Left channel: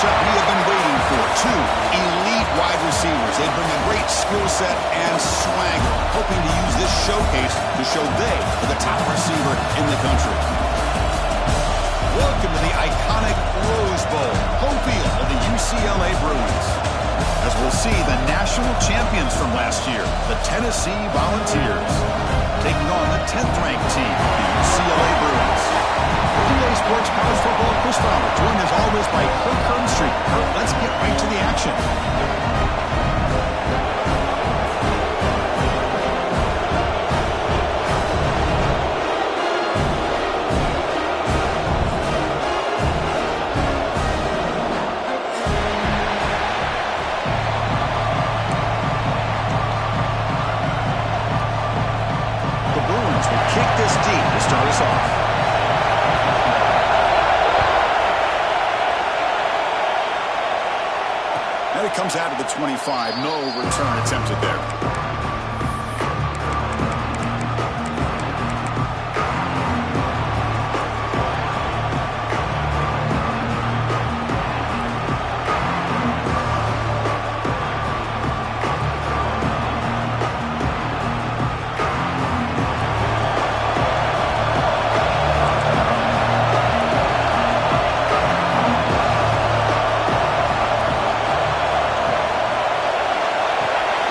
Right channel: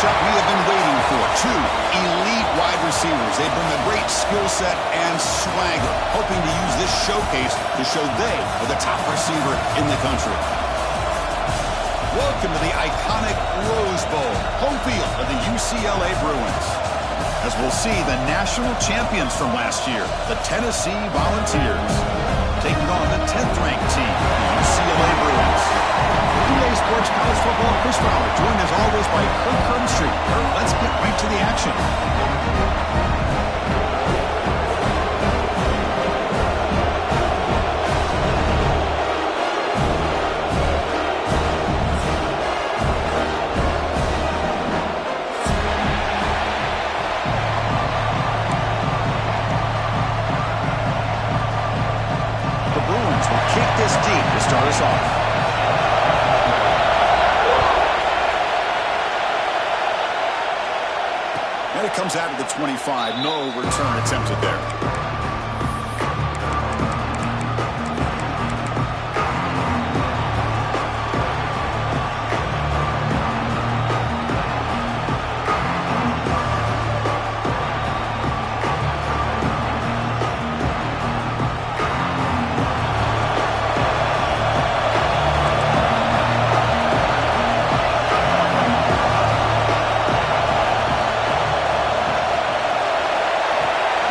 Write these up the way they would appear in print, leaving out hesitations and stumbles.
matchup we have been waiting for. Two elite wide receivers. They bring a great skill set and swagger, hoping to use this showcase to show they are the top receiver in the country. Welcome to the iconic Rose Bowl, home field of the UCLA Bruins. As we'll see, the national champions from last year, the Tennessee Volunteers, taking on the 10th-ranked team, the UCLA Bruins. For EA Sports College Football, Chris Fowler, joined as always by Kurt Kernstreet. Kurt, let's get right to the action. Kick this deep to start us off. And it comes out of the 25. No return attempted there.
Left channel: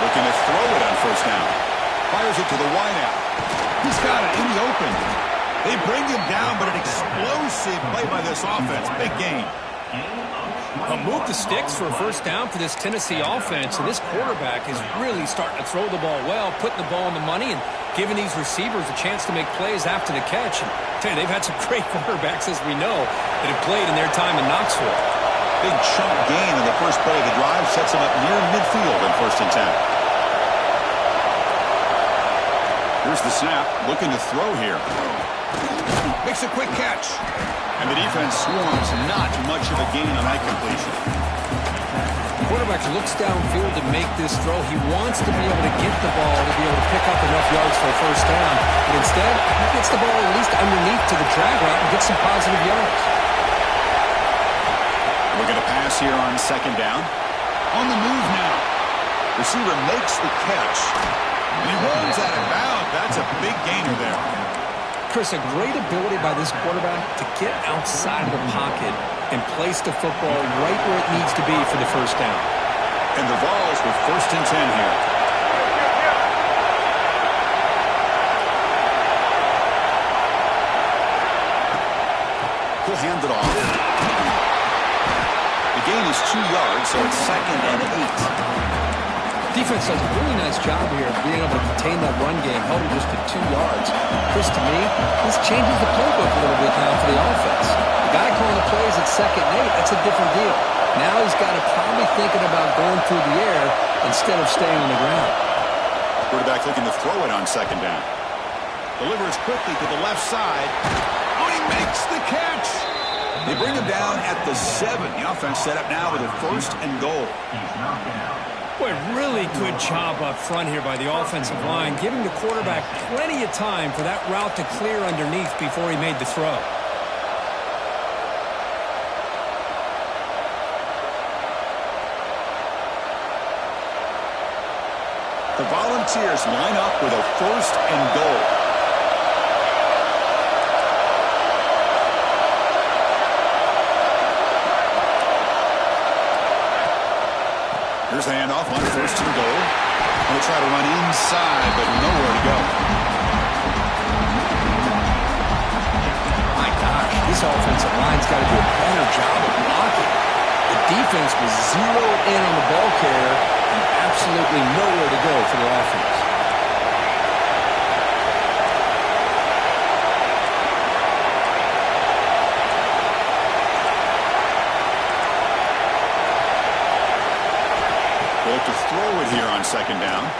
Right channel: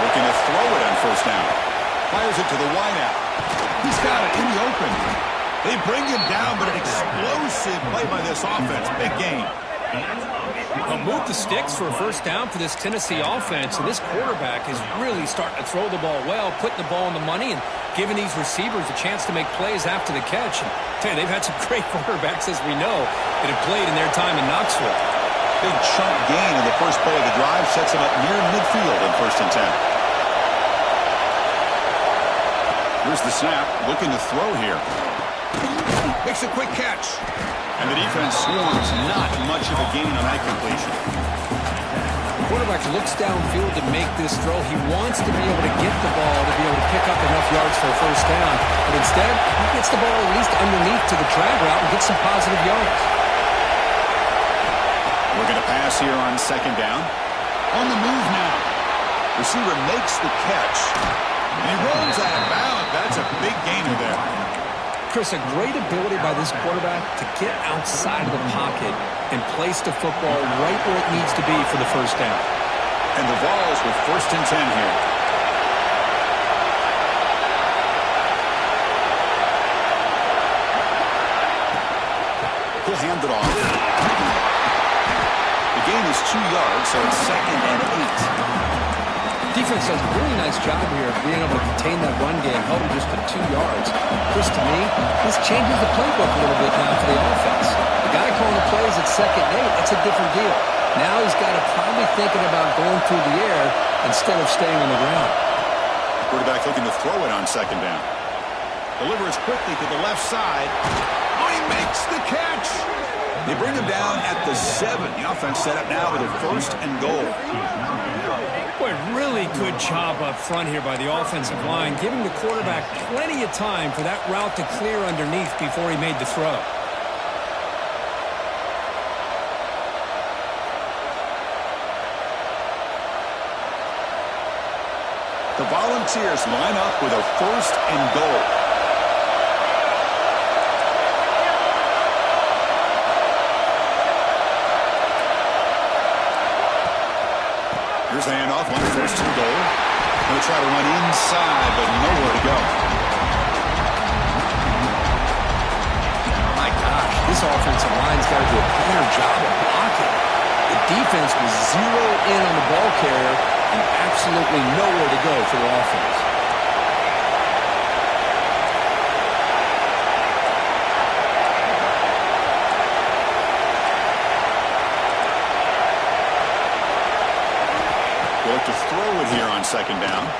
Looking to throw it on first down. Fires it to the wideout. He's got it in the open. They bring him down, but an explosive play by this offense. Big gain. A move the sticks for a first down for this Tennessee offense, and this quarterback is really starting to throw the ball well, putting the ball on the money, and giving these receivers a chance to make plays after the catch. And tell you, they've had some great quarterbacks, as we know, that have played in their time in Knoxville. Big chunk gain on the first play of the drive sets him up near midfield in 1st and 10. Here's the snap, looking to throw here. Makes a quick catch. And the defense swarms, not much of a gain on that completion. The quarterback looks downfield to make this throw. He wants to be able to get the ball to be able to pick up enough yards for a first down. But instead, he gets the ball at least underneath to the drag route and gets some positive yards. Looking to pass here on 2nd down. On the move now. Receiver makes the catch. And he runs out of bounds. That's a big gainer there. Chris, a great ability by this quarterback to get outside of the pocket and place the football right where it needs to be for the first down. And the Vols with 1st and 10 here. He'll hand it off. The gain is 2 yards, so it's 2nd and 8. Defense does a really nice job here of being able to contain that run game, held him just to 2 yards. Chris, to me, this changes the playbook a little bit now for the offense. The guy calling the plays at 2nd and 8, that's a different deal. Now he's got to probably thinking about going through the air instead of staying on the ground. Quarterback looking to throw it on 2nd down. Delivers quickly to the left side. Oh, he makes the catch. They bring him down at the 7. The offense set up now with a 1st and goal. Boy, really good job up front here by the offensive line, giving the quarterback plenty of time for that route to clear underneath before he made the throw. The Volunteers line up with a 1st and goal. Here's the handoff on 1st and goal. Going to try to run inside, but nowhere to go. My gosh, this offensive line's got to do a better job of blocking. The defense was zeroed in on the ball carrier and absolutely nowhere to go for their offense. They look to throw it here on 2nd down. Oh,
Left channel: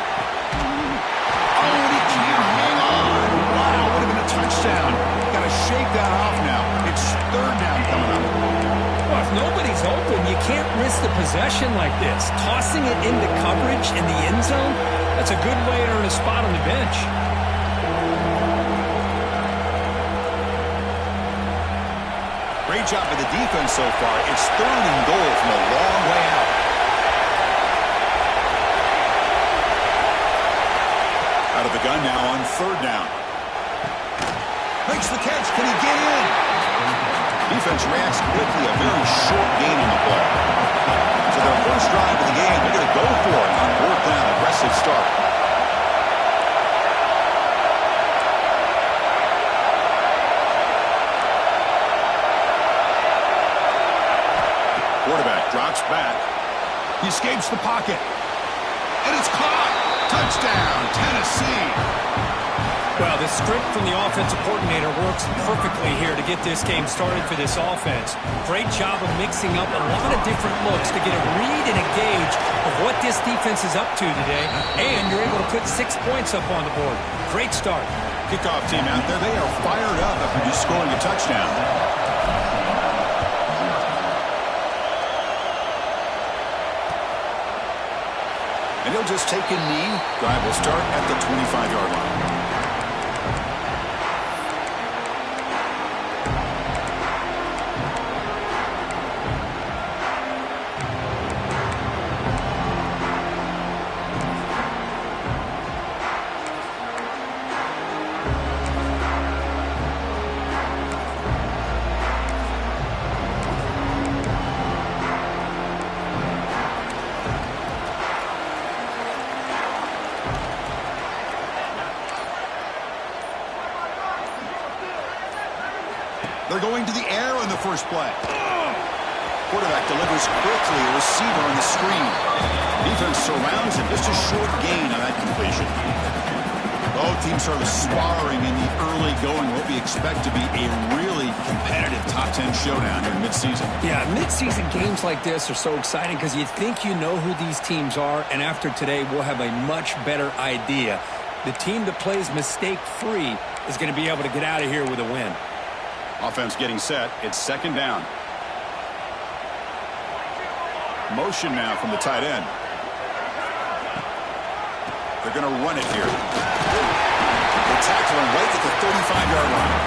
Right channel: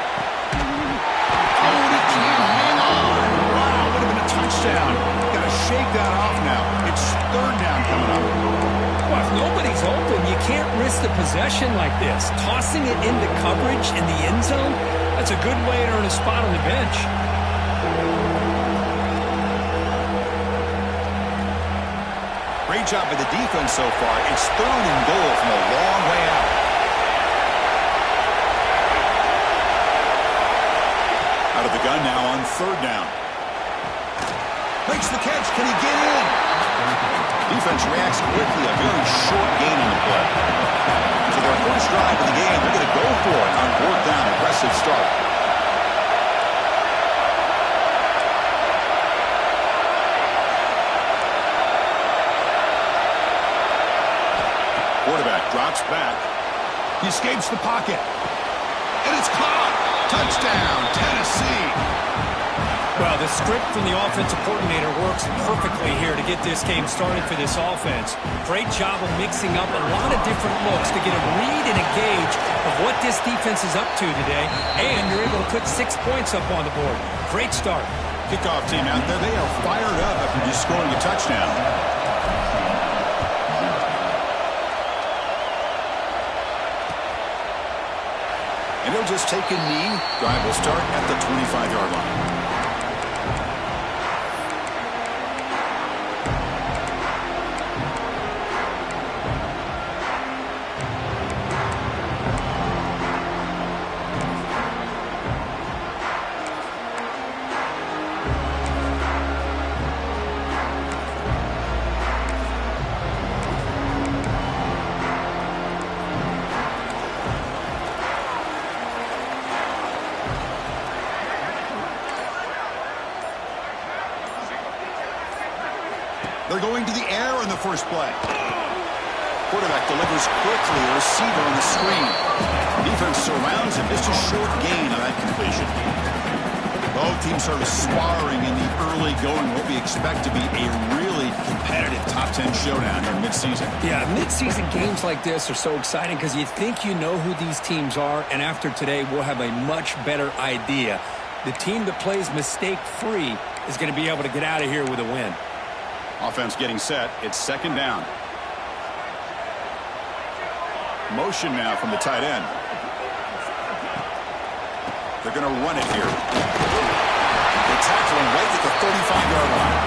and he can't hang on. Wow, would have been a touchdown. Got to shake that off now. It's 3rd down coming up. Well, if nobody's open, you can't risk the possession like this. Tossing it into coverage in the end zone, that's a good way to earn a spot on the bench. Great job by the defense so far. It's 3rd and goal from a long way out. Out of the gun now on 3rd down. Makes the catch. Can he get in? Defense reacts quickly. A very short gain on the play. So their first drive of the game, they're going to go for it on 4th down. Aggressive start. Quarterback drops back. He escapes the pocket. And it's caught. Touchdown, Tennessee. Well, the script from the offensive coordinator works perfectly here to get this game started for this offense. Great job of mixing up a lot of different looks to get a read and a gauge of what this defense is up to today. And you're able to put 6 points up on the board. Great start. Kickoff team out there, they are fired up after just scoring a touchdown. And he'll just take a knee. Drive will start at the 25-yard line. They're going to the air on the first play. Quarterback delivers quickly. A receiver on the screen. Defense surrounds him. Just a short gain on that completion. Both teams sort of sparring in the early going. What we expect to be a really competitive top 10 showdown here in midseason. Yeah, midseason games like this are so exciting because you think you know who these teams are, and after today we'll have a much better idea. The team that plays mistake-free is going to be able to get out of here with a win. Offense getting set. It's 2nd down. Motion now from the tight end. They're going to run it here. They tackle him right at the 35-yard line.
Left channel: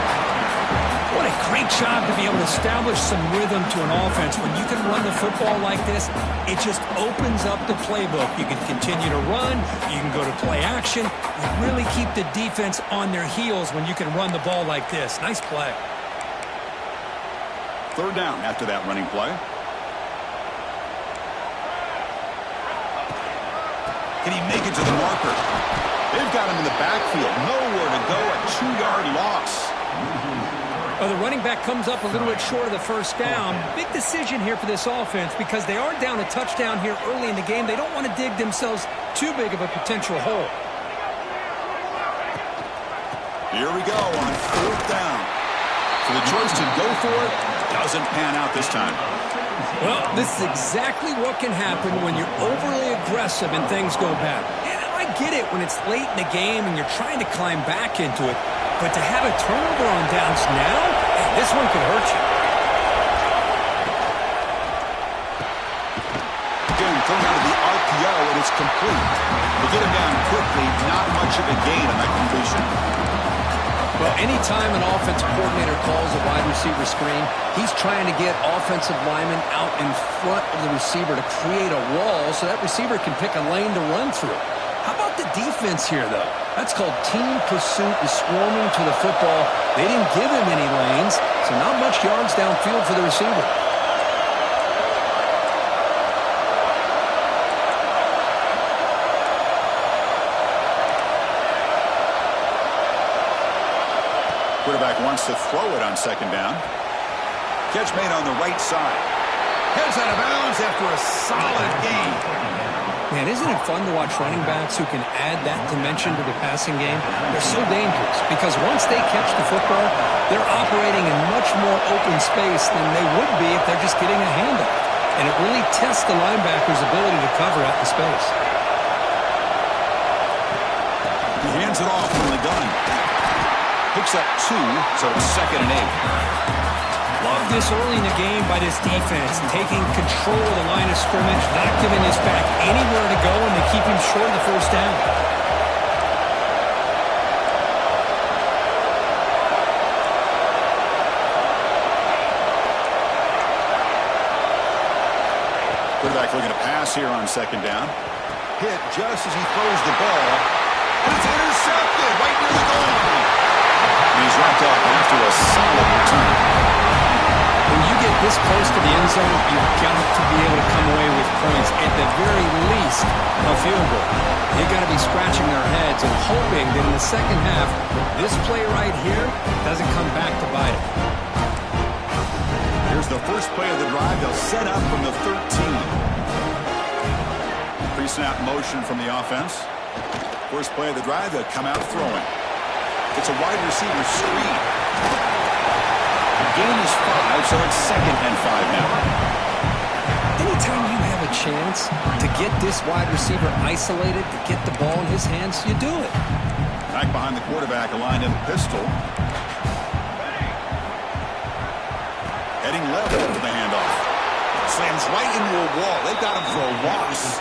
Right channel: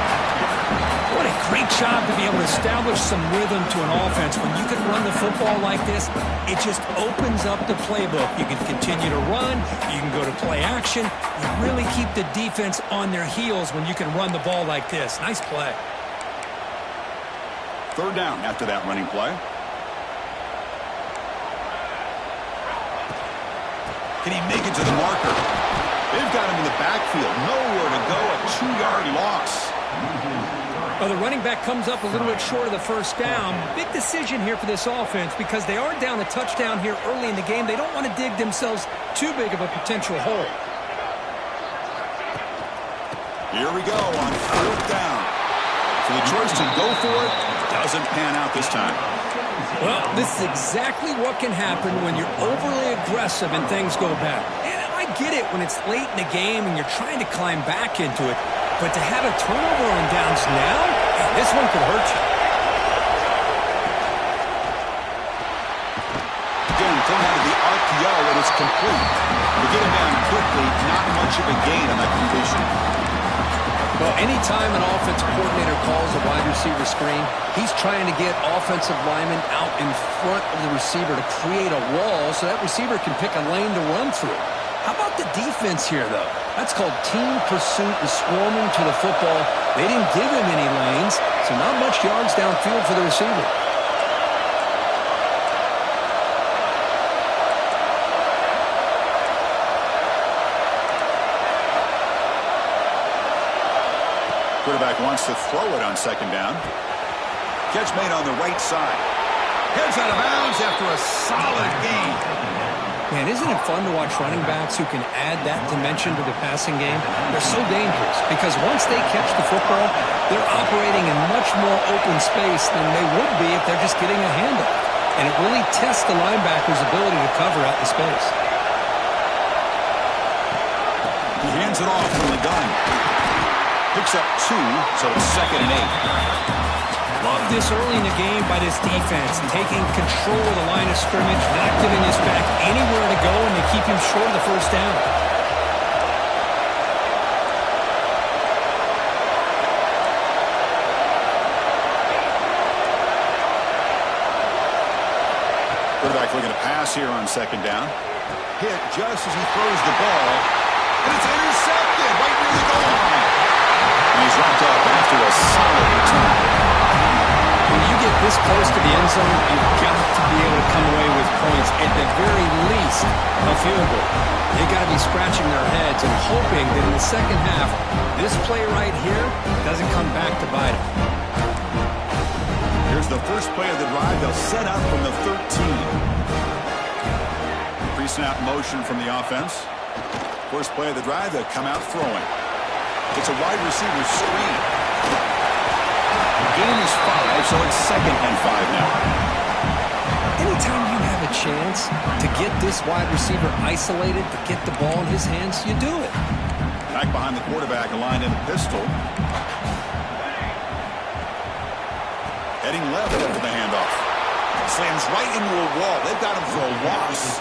What a great job to be able to establish some rhythm to an offense. When you can run the football like this, it just opens up the playbook. You can continue to run. You can go to play action. You really keep the defense on their heels when you can run the ball like this. Nice play. 3rd down after that running play. Can he make it to the marker? They've got him in the backfield. Nowhere to go. A 2-yard loss. Well, the running back comes up a little bit short of the first down. Big decision here for this offense because they are down a touchdown here early in the game. They don't want to dig themselves too big of a potential hole. Here we go on 4th down. So the choice to go for it doesn't pan out this time. Well, this is exactly what can happen when you're overly aggressive and things go bad. And I get it when it's late in the game and you're trying to climb back into it. But to have a turnover on downs now, hey, this one could hurt you. Again, thrown out of the RPO, and it's complete. They get him down quickly, not much of a gain on that completion. Well, anytime an offensive coordinator calls a wide receiver screen, he's trying to get offensive linemen out in front of the receiver to create a wall so that receiver can pick a lane to run through. How about the defense here, though? That's called team pursuit and swarming to the football. They didn't give him any lanes, so not much yards downfield for the receiver. Quarterback wants to throw it on 2nd down. Catch made on the right side. Heads out of bounds after a solid gain. Man, isn't it fun to watch running backs who can add that dimension to the passing game? They're so dangerous because once they catch the football, they're operating in much more open space than they would be if they're just getting a handoff. And it really tests the linebacker's ability to cover out in space. He hands it off from the gun. Picks up 2, so it's 2nd and 8. Love this early in the game by this defense, taking control of the line of scrimmage, not giving this back anywhere to go, and they keep him short of the first down. Quarterback looking to pass here on second down. Hit just as he throws the ball. And it's intercepted right near the goal line. And he's wrapped up after a solid return. When you get this close to the end zone, you've got to be able to come away with points. At the very least, a field goal. They've got to be scratching their heads and hoping that in the second half, this play right here doesn't come back to bite them. Here's the first play of the drive. They'll set up from the 13. Pre-snap motion from the offense. First play of the drive, they'll come out throwing. It's a wide receiver screen. Gain is 5, so it's 2nd and 5 now. Anytime you have a chance to get this wide receiver isolated, to get the ball in his hands, you do it. Back behind the quarterback, aligned in the pistol. Heading left after the handoff. Slams right into a wall. They've got him for a loss.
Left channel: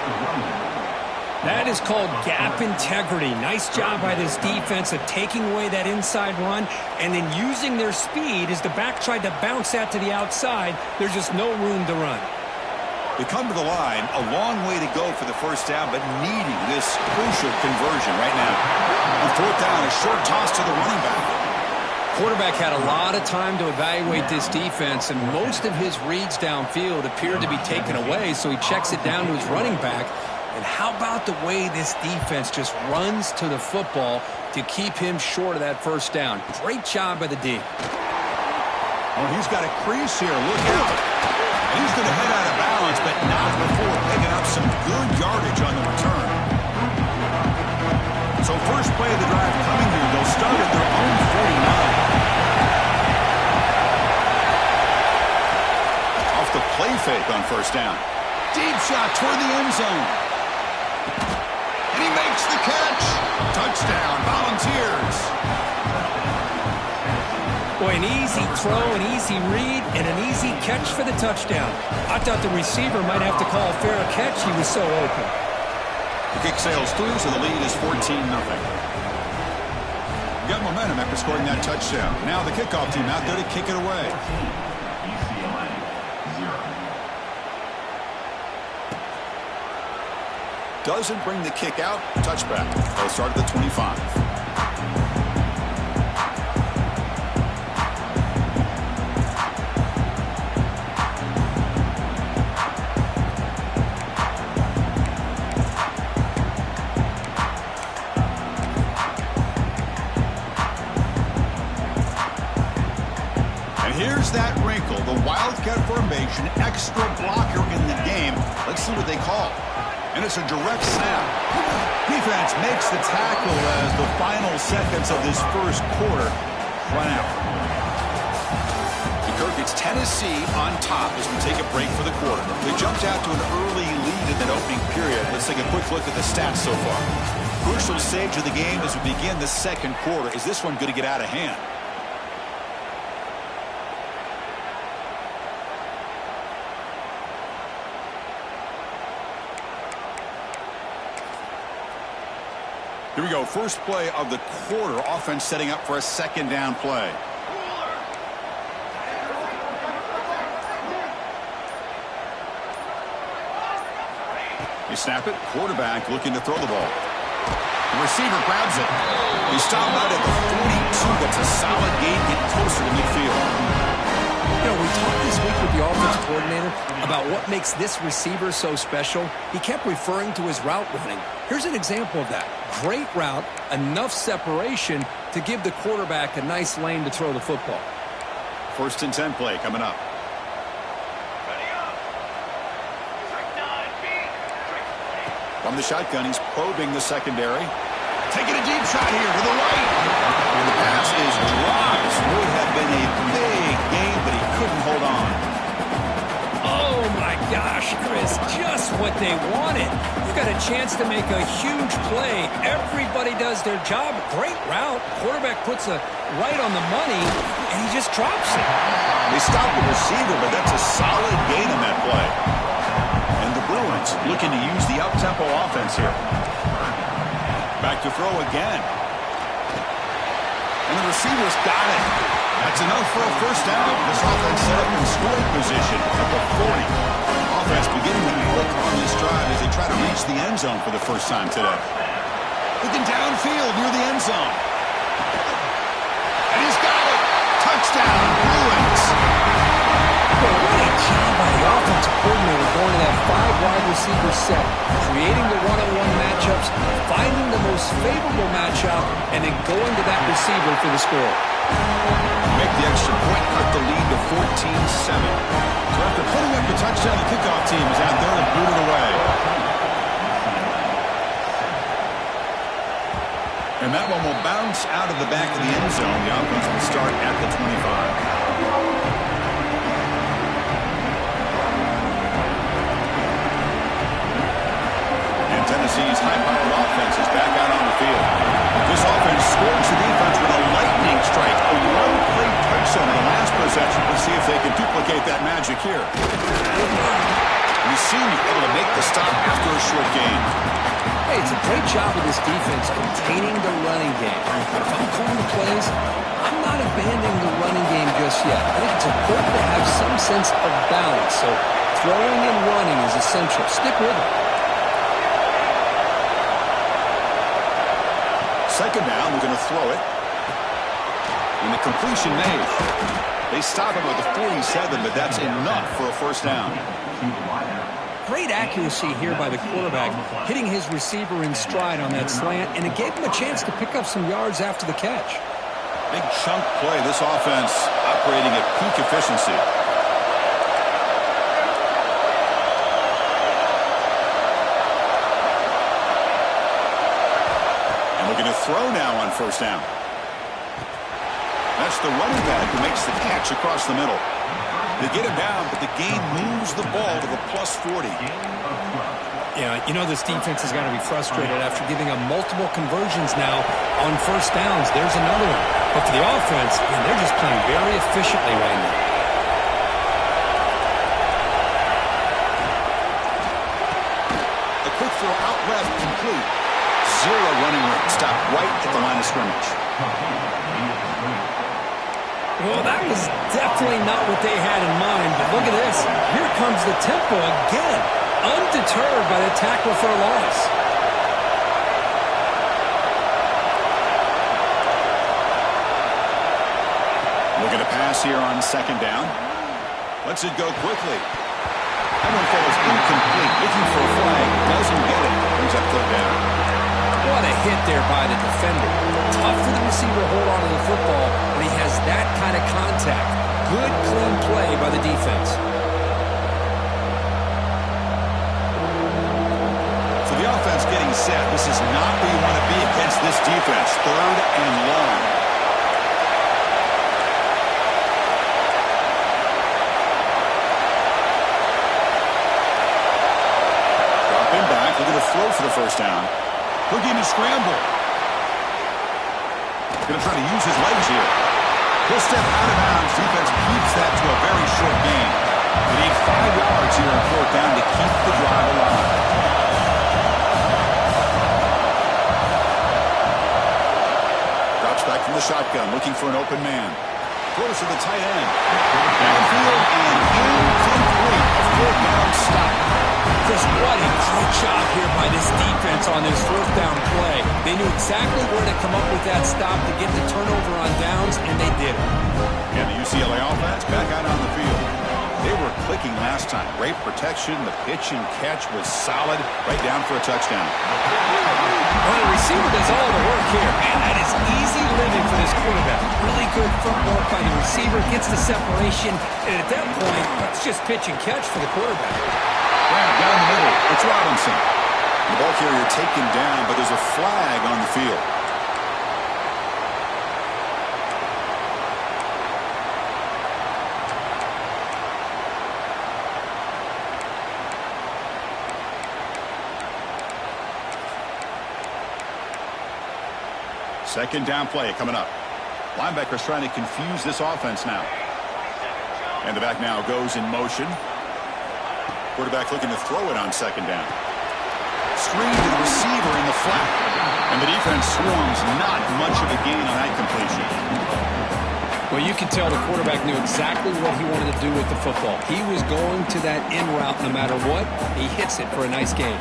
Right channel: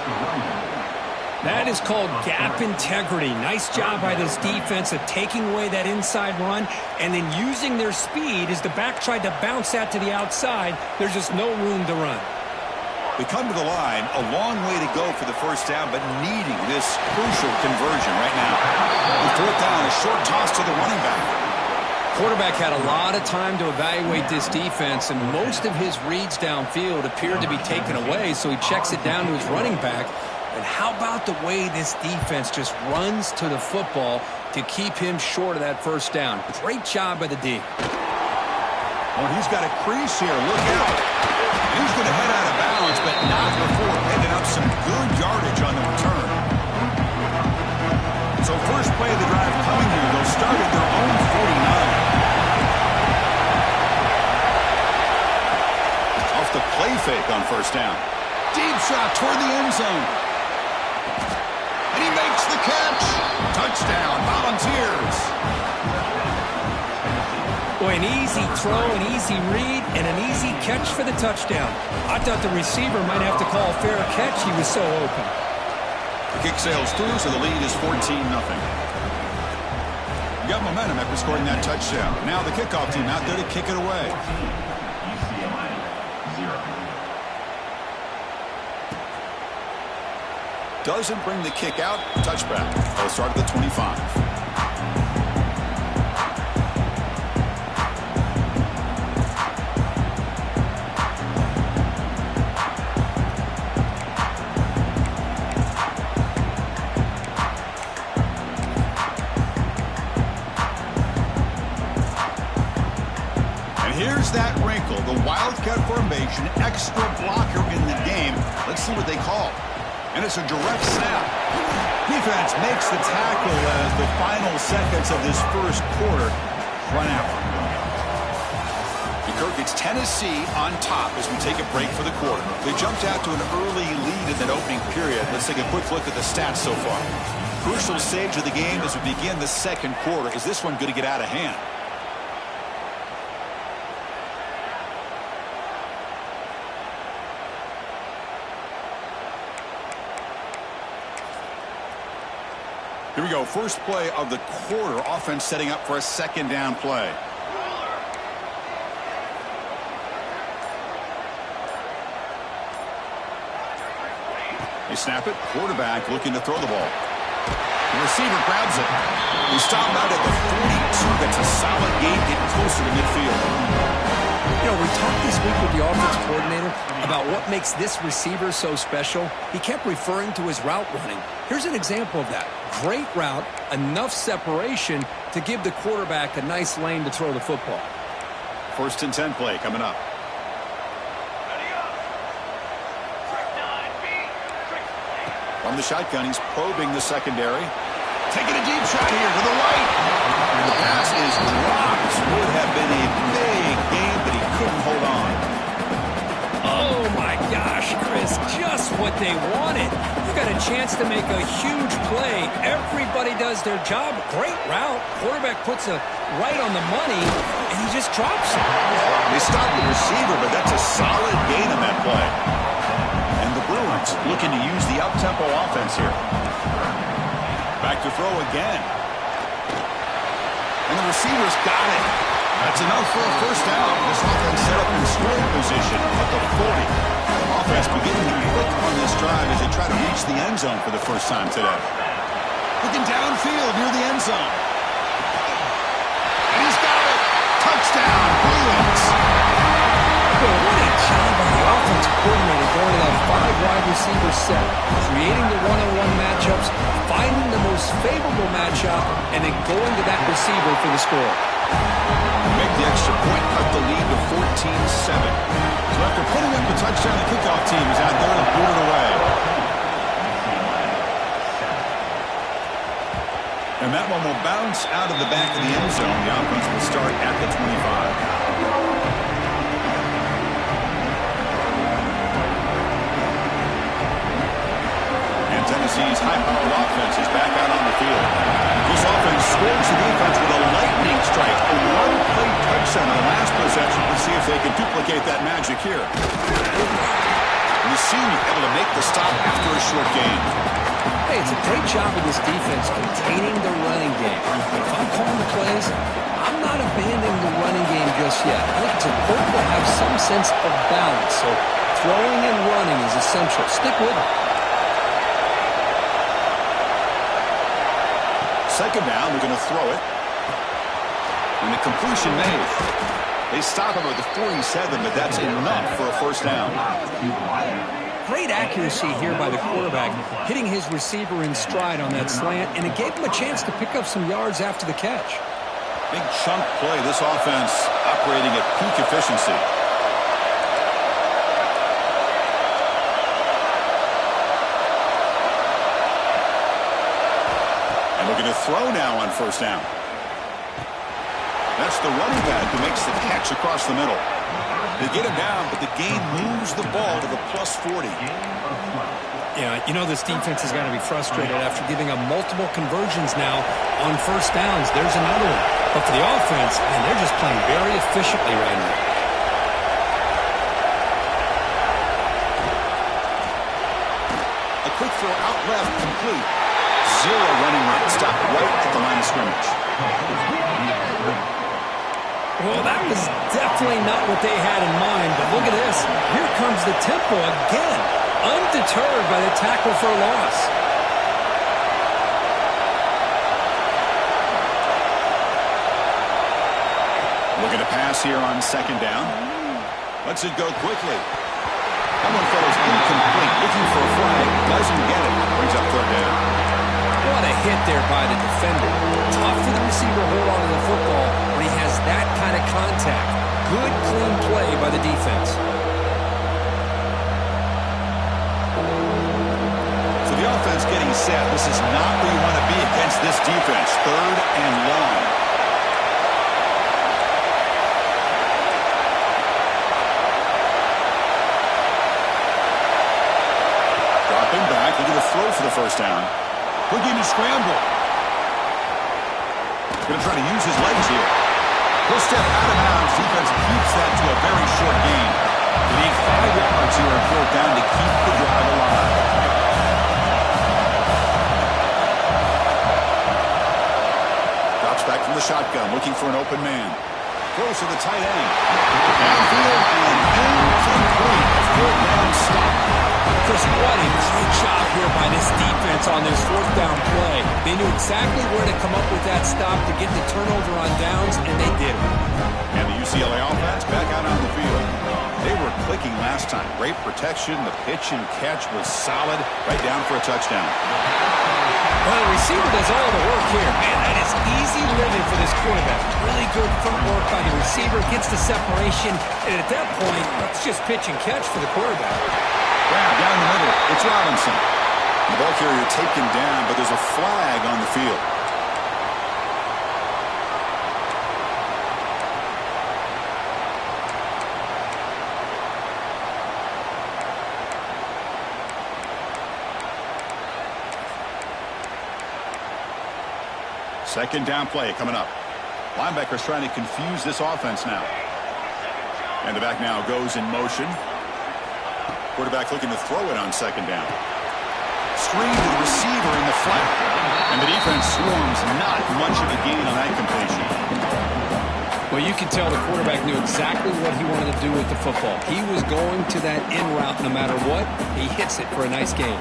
That is called gap integrity. Nice job by this defense of taking away that inside run and then using their speed as the back tried to bounce that to the outside. There's just no room to run. They come to the line, a long way to go for the first down, but needing this crucial conversion right now. On 4th down, a short toss to the running back. Quarterback had a lot of time to evaluate this defense, and most of his reads downfield appeared to be taken away, so he checks it down to his running back. And how about the way this defense just runs to the football to keep him short of that first down? Great job by the D. Oh, he's got a crease here. Look out. And he's going to head out of bounds, but not before picking up some good yardage on the return. So first play of the drive coming here. They'll start at their own 49. Off the play fake on first down. Deep shot toward the end zone. And he makes the catch. Touchdown, Volunteers. Boy, an easy throw, an easy read, and an easy catch for the touchdown. I thought the receiver might have to call a fair catch. He was so open. The kick sails through, so the lead is 14-0. Got momentum after scoring that touchdown. Now the kickoff team out there to kick it away. Doesn't bring the kick out. Touchback. They'll start at the 25. And here's that wrinkle. The Wildcat formation, extra blocker in the game. Let's see what they call. And it's a direct snap. Defense makes the tackle as the final seconds of this first quarter run out. Kirk, it's Tennessee on top as we take a break for the quarter. They jumped out to an early lead in that opening period. Let's take a quick look at the stats so far. Crucial stage of the game as we begin the second quarter. Is this one going to get out of hand? Here we go. First play of the quarter. Offense setting up for a second down play. They snap it. Quarterback looking to throw the ball. The receiver grabs it. He stopped out at the 42. That's a solid gain, getting closer to midfield. You know, we talked this week with the offensive coordinator about what makes this receiver so special. He kept referring to his route running. Here's an example of that. Great route, enough separation to give the quarterback a nice lane to throw the football. 1st and 10 play coming up. From the shotgun, he's probing the secondary. Taking a deep shot here to the right. And the pass is dropped. Would have been a big gain, but he couldn't hold on. Oh, my gosh, Chris, just what they wanted. You got a chance to make a huge play. Everybody does their job. Great route. Quarterback puts it right on the money, and he just drops it. They stopped the receiver, but that's a solid gain on that play. And the Bruins looking to use the up-tempo offense here. Back to throw again. And the receiver's got it. That's enough for a first down. This offense set up in scoring position at the 40. offense beginning to click on this drive as they try to reach the end zone for the first time today. Looking downfield near the end zone. And he's got it. Touchdown, Bruins. Well, what a job by the offensive coordinator going to that 5-wide receiver set, creating the one-on-one matchups, finding the most favorable matchup, and then going to that receiver for the score. Make the extra point, cut the lead to 14-7. So after putting up the touchdown, the kickoff team is out there and boot it away. And that one will bounce out of the back of the end zone. The offense will start at the 25. And Tennessee's high-powered offense is back out on the field. This offense scores the defense with a lightning strike, a one-play touchdown in the last possession. Let's see if they can duplicate that magic here. We've seen you able to make the stop after a short gain. Hey, it's a great job of this defense containing the running game. But if I'm calling the plays, I'm not abandoning the running game just yet. I think it's important to have some sense of balance. So throwing and running is essential. Stick with it. Second down, they're going to throw it. And the completion made. They stop him at the 47, but that's enough for a first down. Great accuracy here by the quarterback, hitting his receiver in stride on that slant, and it gave him a chance to pick up some yards after the catch. Big chunk play. This offense operating at peak efficiency. And looking to throw now on first down. That's the running back who makes the catch across the middle. They get him down, but the game moves the ball to the plus 40. Yeah, you know this defense has got to be frustrated after giving up multiple conversions now on first downs. There's another one. But for the offense, man, they're just playing very efficiently right now. A quick throw out left, complete. Zero running room. Stopped right at the line of scrimmage. Well, that was definitely not what they had in mind, but look at this. Here comes the tempo again, undeterred by the tackle for a loss. Looking to pass here on second down. Lets it go quickly. That one falls incomplete. Looking for a flag. Doesn't get it. Brings up third down. What a hit there by the defender. Tough for the receiver to hold on to the football when he has that kind of contact. Good, clean play by the defense. So the offense getting set. This is not where you want to be against this defense. Third and long. Dropping back, looking to throw for the first down. Looking to scramble. Going to try to use his legs here. He'll step out of bounds. Defense keeps that to a very short gain. They need 5 yards here on fourth down to keep the drive alive. Drops back from the shotgun, looking for an open man. Throws to the tight end. Downfield and incomplete. A fourth down stop. Chris, what a great job here by this defense on this fourth down play. They knew exactly where to come up with that stop to get the turnover on downs, and they did it. And the UCLA offense back out on the field. They were clicking last time. Great protection. The pitch and catch was solid. Right down for a touchdown. Well, the receiver does all the work here. Man, that is easy living for this quarterback. Really good footwork by the receiver. Gets the separation. And at that point, it's just pitch and catch for the quarterback. Grab down the middle. It's Robinson. The ball carrier taken down, but there's a flag on the field. Second down play coming up. Linebackers trying to confuse this offense now. And the back now goes in motion. Quarterback looking to throw it on second down. Screen to the receiver in the flat. And the defense swarms. Not much of a gain on that completion. Well, you can tell the quarterback knew exactly what he wanted to do with the football. He was going to that in route no matter what. He hits it for a nice gain.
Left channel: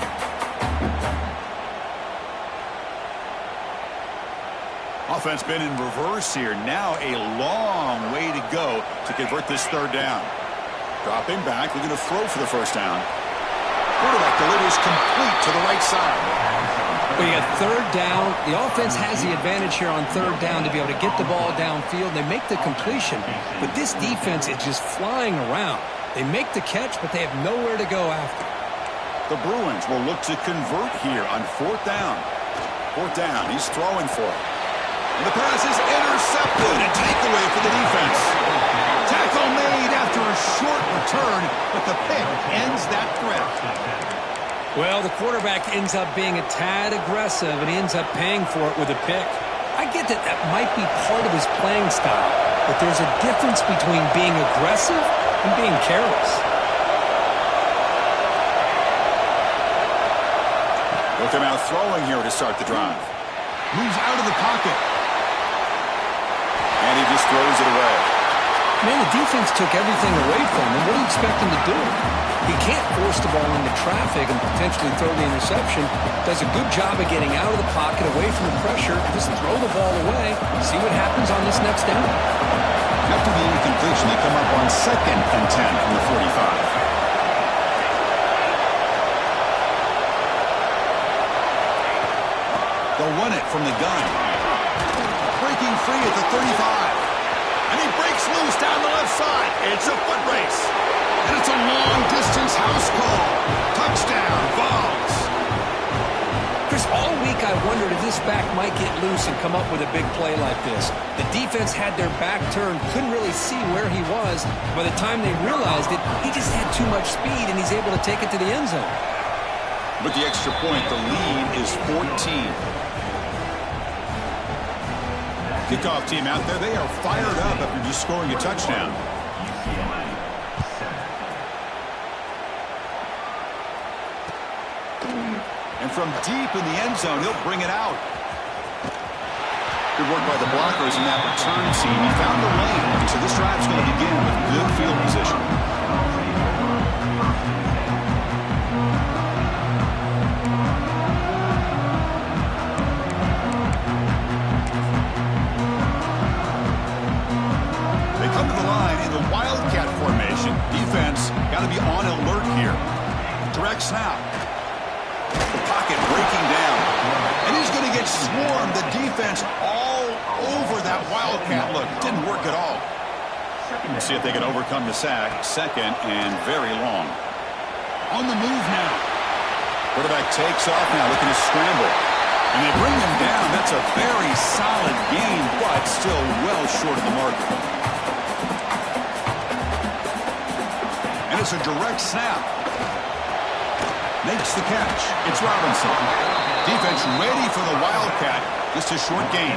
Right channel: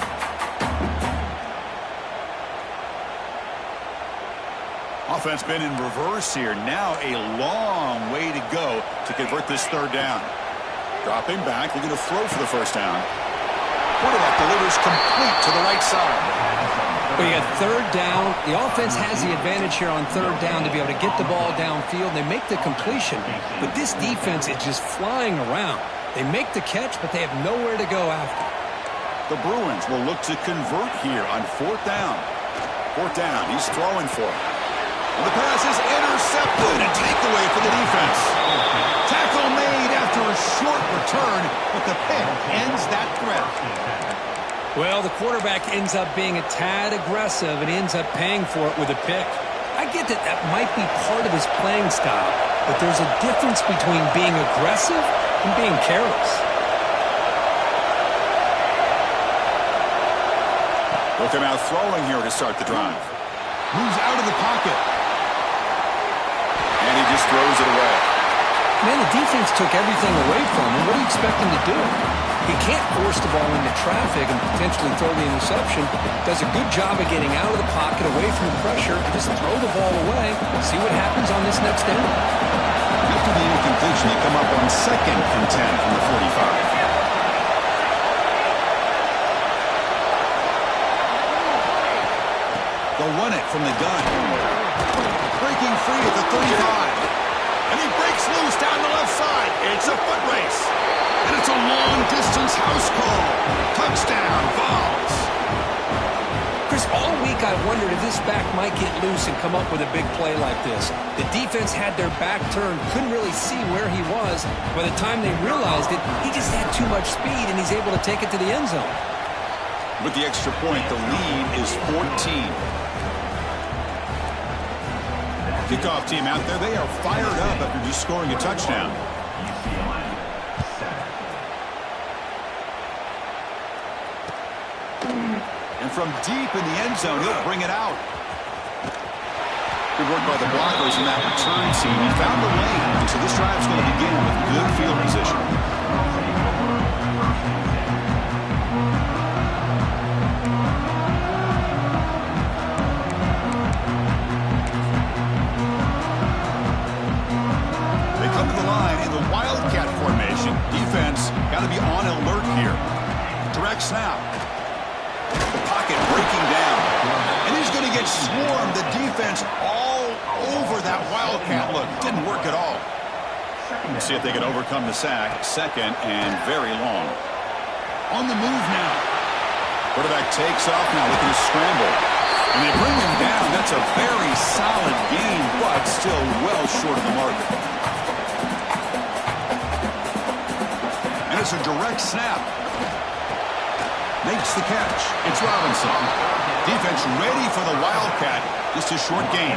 Offense been in reverse here. Now a long way to go to convert this third down. Dropping back, looking to throw for the first down. Quarterback delivers complete to the right side. Well, you got third down. The offense has the advantage here on third down to be able to get the ball downfield. They make the completion, but this defense is just flying around. They make the catch, but they have nowhere to go after. The Bruins will look to convert here on fourth down. Fourth down, he's throwing for it. And the pass is intercepted. A takeaway for the defense. Tackle made after a short return, but the pick ends that threat. Well, the quarterback ends up being a tad aggressive, and he ends up paying for it with a pick. I get that that might be part of his playing style, but there's a difference between being aggressive and being careless. Look him out throwing here to start the drive. Moves out of the pocket. And he just throws it away. Man, the defense took everything away from him. What do you expect him to do? He can't force the ball into traffic and potentially throw the interception. Does a good job of getting out of the pocket, away from the pressure, and just throw the ball away. See what happens on this next down. After the incompletion, they come up on 2nd and 10 from the 45. They'll run it from the gun. Breaking free at the 35. And he breaks loose down the left side. It's a foot race. And it's a long-distance house call. Touchdown, Vols. Chris, all week I wondered if this back might get loose and come up with a big play like this. The defense had their back turned, couldn't really see where he was. By the time they realized it, he just had too much speed, and he's able to take it to the end zone. With the extra point, the lead is 14. Kickoff team out there, they are fired up after just scoring a touchdown. And from deep in the end zone, he'll bring it out. Good work by the blockers in that return team. He found the lane, so this drive's going to begin with good field position. Wildcat formation. Defense got to be on alert here. Direct snap. The pocket breaking down. And he's going to get swarmed. The defense all over that Wildcat look. Didn't work at all. Let's see if they can overcome the sack. 2nd and very long. On the move now. Quarterback takes off now, looking to scramble. And they bring him down. That's a very solid gain, but still well short of the marker. It's a direct snap. Makes the catch. It's Robinson. Defense ready for the Wildcat. Just a short gain.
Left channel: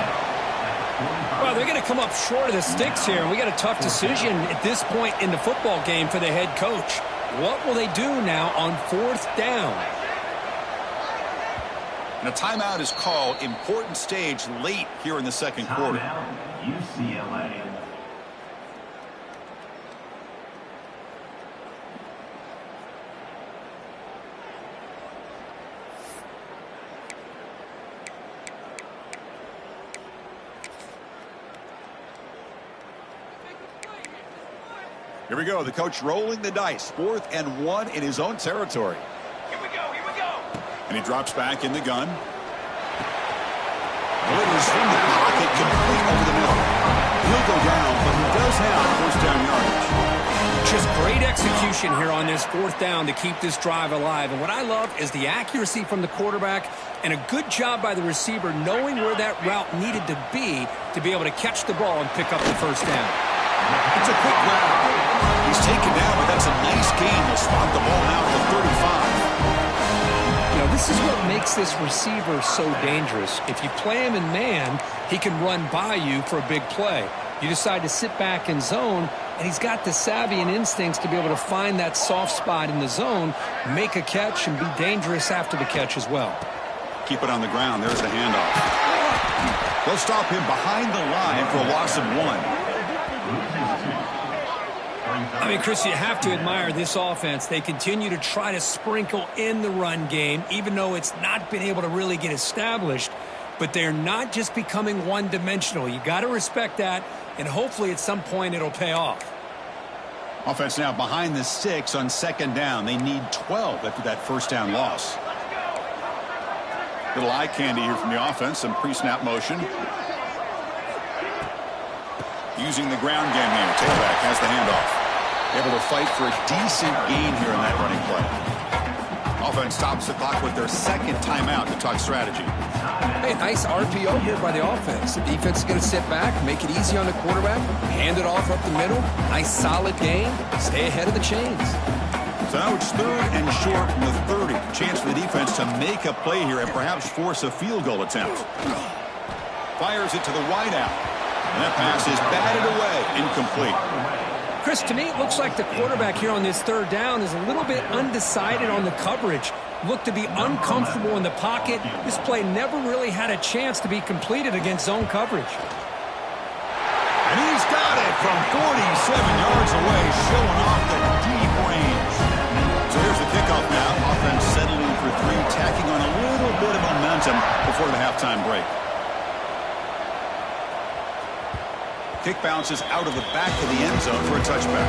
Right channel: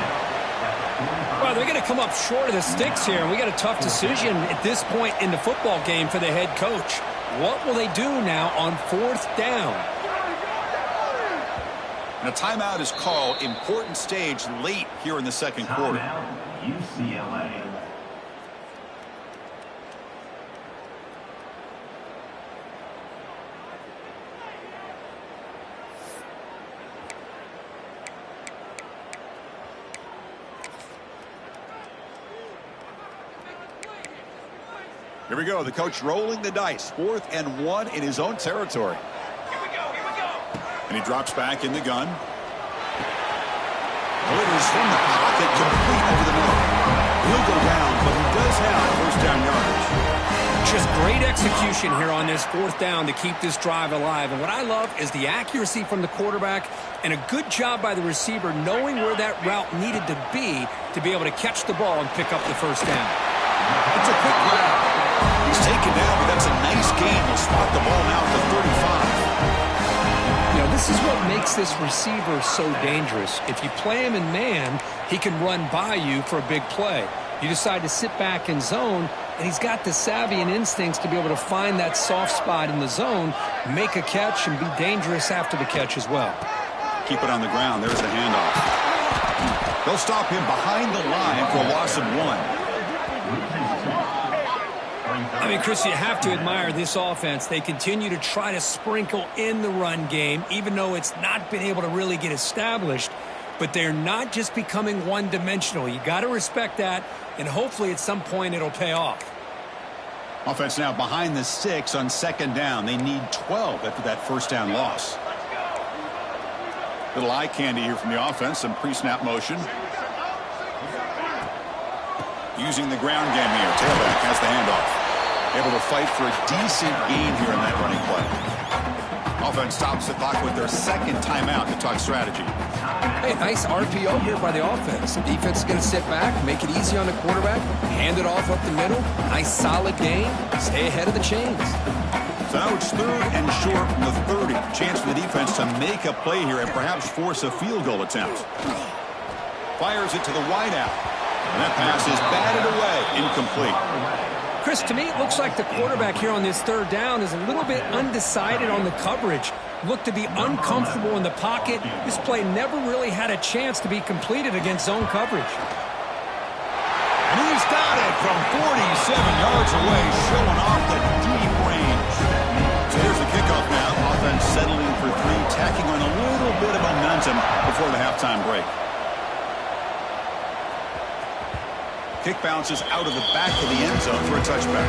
Well, they're going to come up short of the sticks here, and we got a tough decision at this point in the football game for the head coach. What will they do now on 4th down? And a timeout is called. Important stage late here in the second quarter. UCLA. Here we go. The coach rolling the dice. 4th and 1 in his own territory. Here we go. Here we go. And he drops back in the gun. Delivers from the pocket, complete over the middle. He'll go down, but he does have first down yardage. Just great execution here on this 4th down to keep this drive alive. And what I love is the accuracy from the quarterback and a good job by the receiver knowing where that route needed to be able to catch the ball and pick up the first down. It's a quick grab. He's taken down, but that's a nice gain. They'll spot the ball now at the 35. You know, this is what makes this receiver so dangerous. If you play him in man, he can run by you for a big play. You decide to sit back in zone, and he's got the savvy and instincts to be able to find that soft spot in the zone, make a catch, and be dangerous after the catch as well. Keep it on the ground. There's the handoff. They'll stop him behind the line for a loss of 1. I mean, Chris, you have to admire this offense. They continue to try to sprinkle in the run game, even though it's not been able to really get established. But they're not just becoming one-dimensional. You got to respect that, and hopefully at some point it'll pay off. Offense now behind the 6 on second down. They need 12 after that first down loss. Little eye candy here from the offense. Some pre-snap motion. Using the ground game here. Tailback has the handoff. Able to fight for a decent gain here in that running play. Offense stops the clock with their second timeout to talk strategy. Hey, nice RPO here by the offense. The defense is going to sit back, make it easy on the quarterback, hand it off up the middle. Nice solid gain. Stay ahead of the chains. So now it's 3rd and short from the 30. Chance for the defense to make a play here and perhaps force a field goal attempt. Fires it to the wideout. And that pass is batted away. Incomplete. Chris, to me, it looks like the quarterback here on this 3rd down is a little bit undecided on the coverage. Looked to be uncomfortable in the pocket. This play never really had a chance to be completed against zone coverage. And he's got it from 47 yards away, showing off the deep range. So here's the kickoff now. Offense settling for 3, tacking on a little bit of momentum before the halftime break. Kick bounces out of the back of the end zone for a touchback.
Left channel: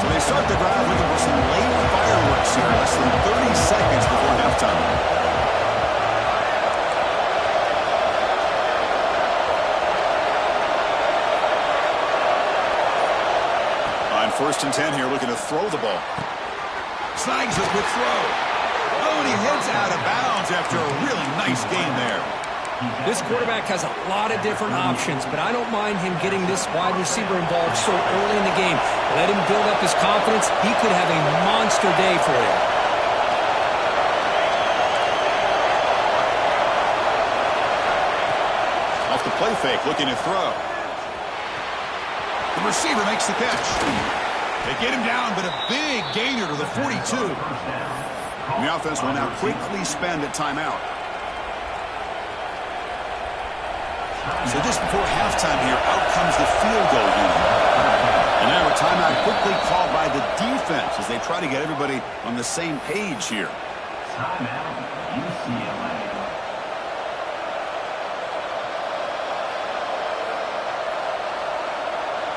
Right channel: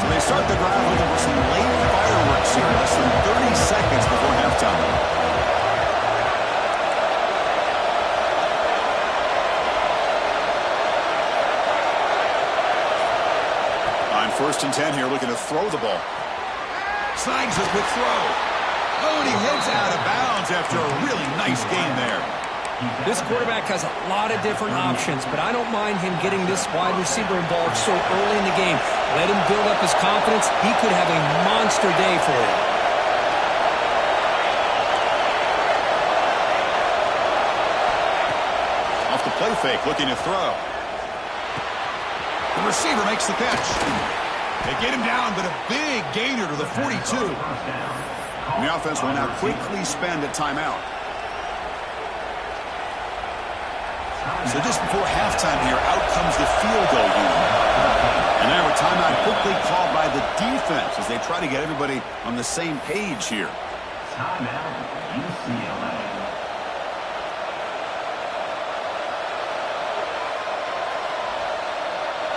So they start the drive looking for some late fireworks here, less than 30 seconds before halftime. On 1st and 10 here, looking to throw the ball. Snags a quick throw. Oh, and he heads out of bounds after a really nice gain there. This quarterback has a lot of different options, but I don't mind him getting this wide receiver involved so early in the game. Let him build up his confidence. He could have a monster day for you. Off the play fake, looking to throw. The receiver makes the catch. They get him down, but a big gainer to the 42. And the offense will now quickly spend a timeout. So just before halftime here, out comes the field goal unit. And now a timeout quickly called by the defense as they try to get everybody on the same page here. Timeout, UCLA.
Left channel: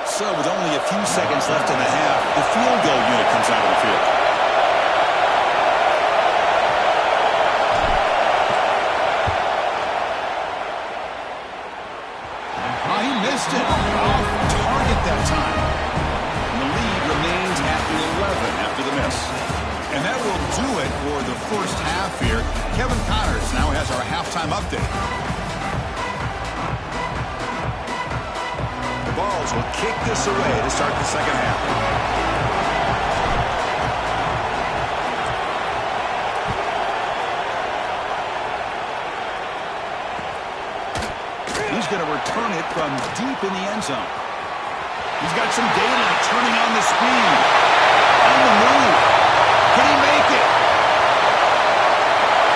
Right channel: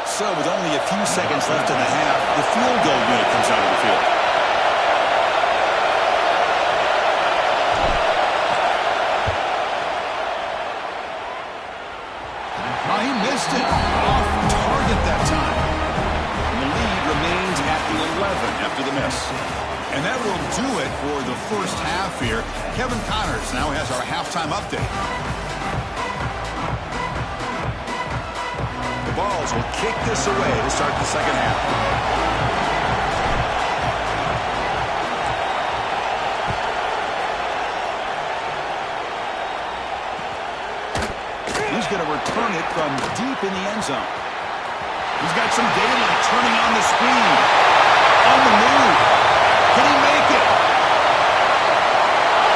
So with only a few seconds left in the half, the field goal unit comes out of the field. Oh, he missed it. Off target that time. And the lead remains at 11 after the miss. And that will do it for the first half here. Kevin Connors now has our halftime update. The Vols will kick this away to start the second half. He's going to return it from deep in the end zone. He's got some daylight, turning on the speed. On the move. Can he make it?